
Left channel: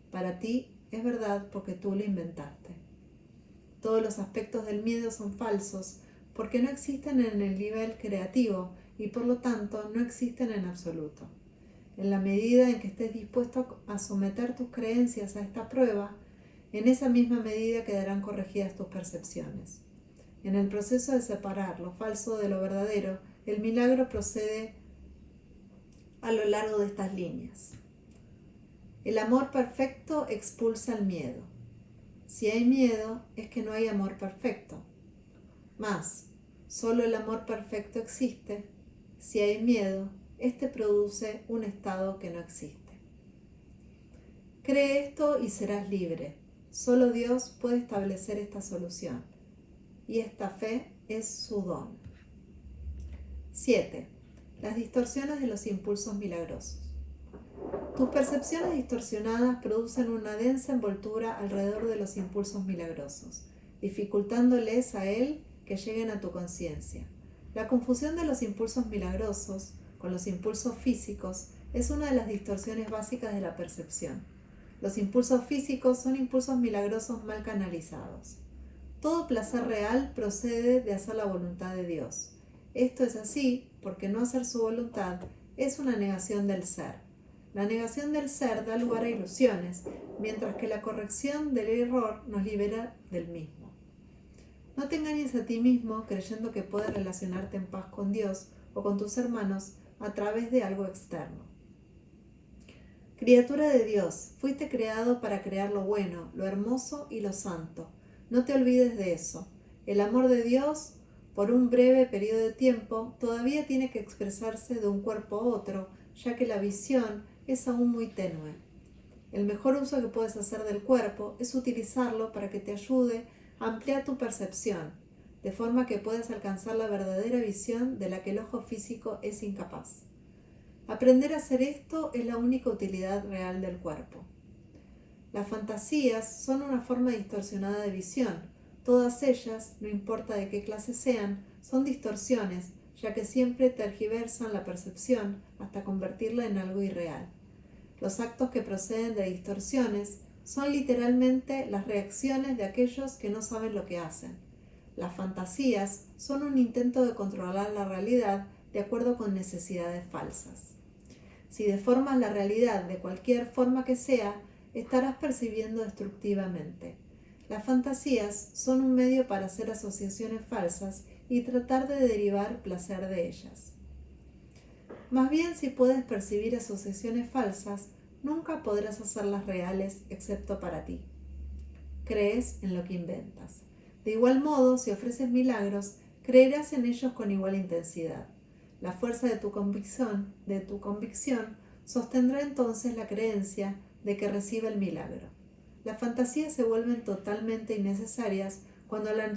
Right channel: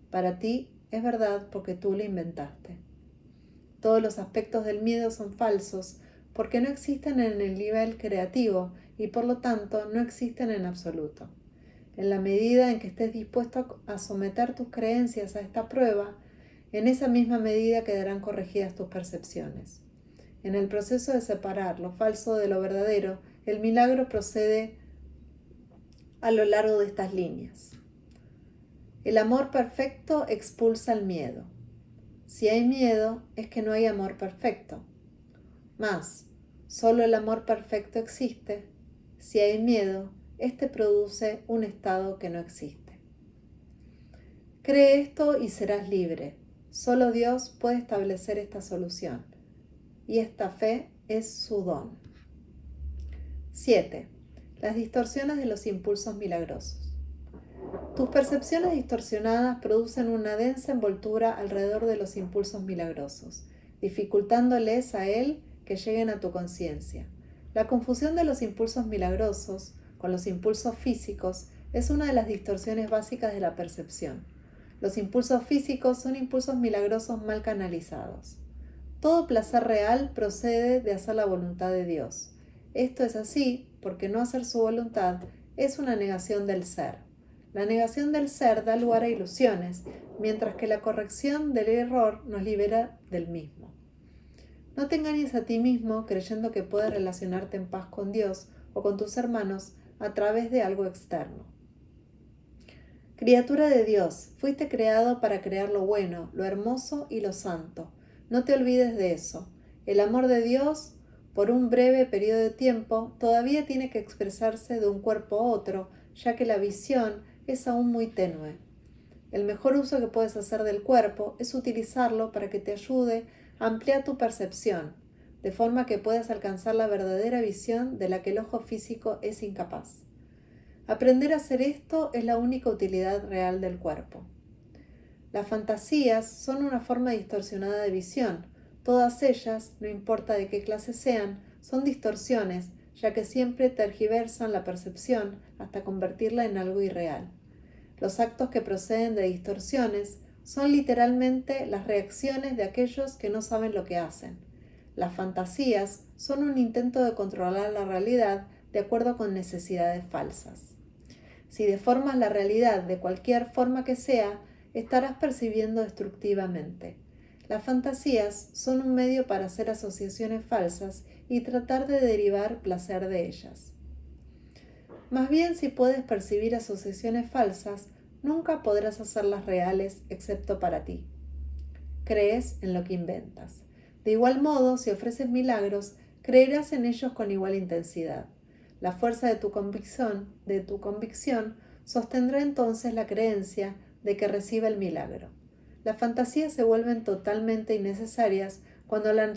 Para ti es verdad porque tú lo inventaste. Todos los aspectos del miedo son falsos porque no existen en el nivel creativo y por lo tanto no existen en absoluto. En la medida en que estés dispuesto a someter tus creencias a esta prueba, en esa misma medida quedarán corregidas tus percepciones. En el proceso de separar lo falso de lo verdadero, el milagro procede a lo largo de estas líneas. El amor perfecto expulsa el miedo. Si hay miedo, es que no hay amor perfecto. Mas, solo el amor perfecto existe. Si hay miedo, este produce un estado que no existe. Cree esto y serás libre. Solo Dios puede establecer esta solución. Y esta fe es su don. 7. Las distorsiones de los impulsos milagrosos. Tus percepciones distorsionadas producen una densa envoltura alrededor de los impulsos milagrosos, dificultándoles a él que lleguen a tu conciencia. La confusión de los impulsos milagrosos con los impulsos físicos es una de las distorsiones básicas de la percepción. Los impulsos físicos son impulsos milagrosos mal canalizados. Todo placer real procede de hacer la voluntad de Dios. Esto es así porque no hacer su voluntad es una negación del ser. La negación del ser da lugar a ilusiones, mientras que la corrección del error nos libera del mismo. No te engañes a ti mismo creyendo que puedes relacionarte en paz con Dios o con tus hermanos a través de algo externo. Criatura de Dios, fuiste creado para crear lo bueno, lo hermoso y lo santo. No te olvides de eso. El amor de Dios, por un breve periodo de tiempo, todavía tiene que expresarse de un cuerpo a otro, ya que la visión es aún muy tenue. El mejor uso que puedes hacer del cuerpo es utilizarlo para que te ayude a ampliar tu percepción, de forma que puedas alcanzar la verdadera visión de la que el ojo físico es incapaz. Aprender a hacer esto es la única utilidad real del cuerpo. Las fantasías son una forma distorsionada de visión. Todas ellas, no importa de qué clase sean, son distorsiones, ya que siempre tergiversan la percepción hasta convertirla en algo irreal. Los actos que proceden de distorsiones son literalmente las reacciones de aquellos que no saben lo que hacen. Las fantasías son un intento de controlar la realidad de acuerdo con necesidades falsas. Si deformas la realidad de cualquier forma que sea, estarás percibiendo destructivamente. Las fantasías son un medio para hacer asociaciones falsas y tratar de derivar placer de ellas. Más bien, si puedes percibir asociaciones falsas, nunca podrás hacerlas reales excepto para ti. Crees en lo que inventas. De igual modo, si ofreces milagros, creerás en ellos con igual intensidad. La fuerza de tu convicción sostendrá entonces la creencia de que reciba el milagro. Las fantasías se vuelven totalmente innecesarias cuando la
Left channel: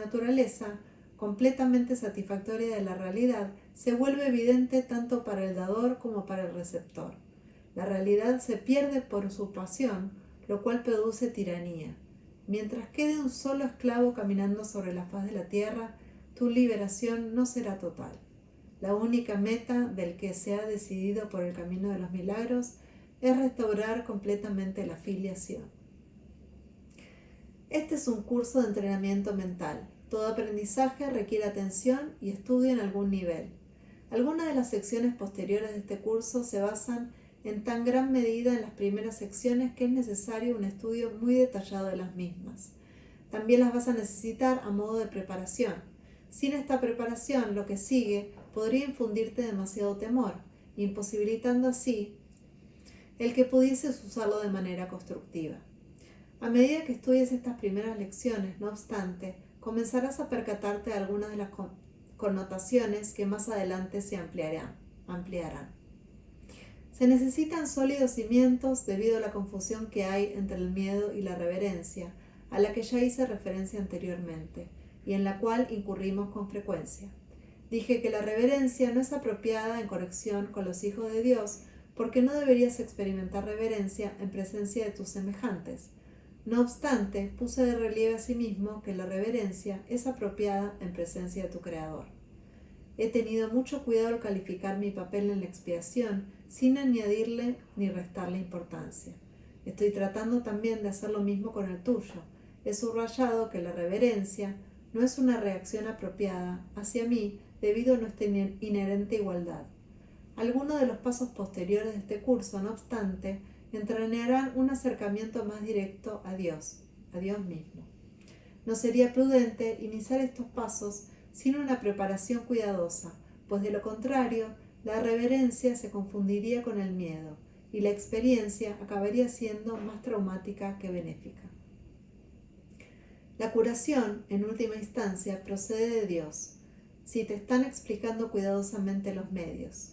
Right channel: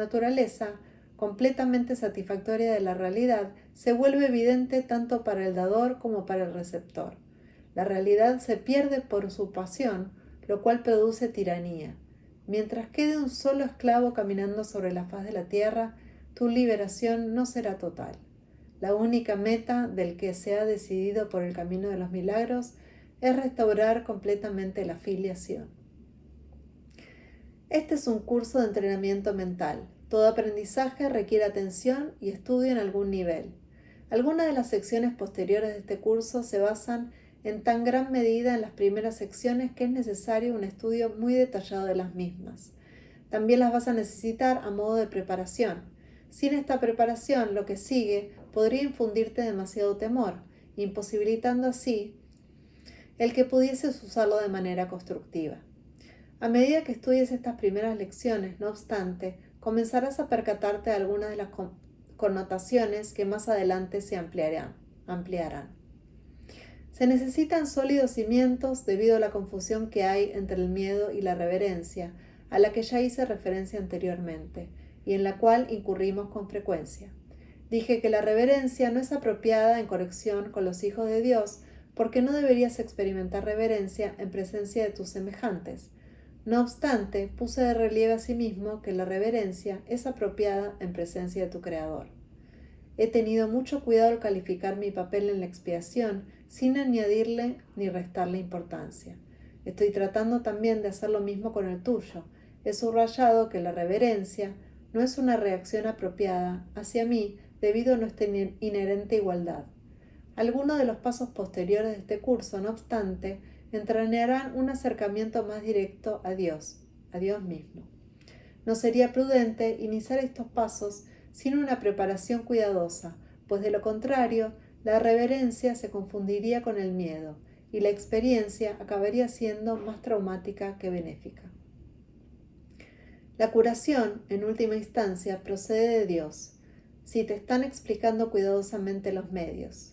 naturaleza completamente satisfactoria de la realidad, se vuelve evidente tanto para el dador como para el receptor. La realidad se pierde por su pasión, lo cual produce tiranía. Mientras quede un solo esclavo caminando sobre la faz de la tierra, tu liberación no será total. La única meta del que se ha decidido por el camino de los milagros es restaurar completamente la filiación. Este es un curso de entrenamiento mental. Todo aprendizaje requiere atención y estudio en algún nivel. Algunas de las secciones posteriores de este curso se basan en tan gran medida en las primeras secciones que es necesario un estudio muy detallado de las mismas. También las vas a necesitar a modo de preparación. Sin esta preparación, lo que sigue podría infundirte demasiado temor, imposibilitando así el que pudieses usarlo de manera constructiva. A medida que estudies estas primeras lecciones, no obstante, comenzarás a percatarte de algunas de las connotaciones que más adelante se ampliarán. Se necesitan sólidos cimientos debido a la confusión que hay entre el miedo y la reverencia, a la que ya hice referencia anteriormente, y en la cual incurrimos con frecuencia. Dije que la reverencia no es apropiada en conexión con los hijos de Dios, porque no deberías experimentar reverencia en presencia de tus semejantes. No obstante, puse de relieve asimismo que la reverencia es apropiada en presencia de tu Creador. He tenido mucho cuidado al calificar mi papel en la expiación sin añadirle ni restarle importancia. Estoy tratando también de hacer lo mismo con el tuyo. He subrayado que la reverencia no es una reacción apropiada hacia mí debido a nuestra inherente igualdad. Algunos de los pasos posteriores de este curso, no obstante, entrañarán un acercamiento más directo a Dios mismo. No sería prudente iniciar estos pasos sin una preparación cuidadosa, pues de lo contrario, la reverencia se confundiría con el miedo y la experiencia acabaría siendo más traumática que benéfica. La curación, en última instancia, procede de Dios, si te están explicando cuidadosamente los medios.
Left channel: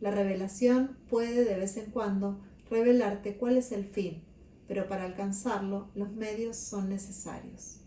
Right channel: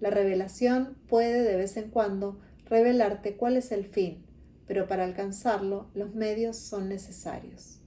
La revelación puede de vez en cuando revelarte cuál es el fin, pero para alcanzarlo los medios son necesarios.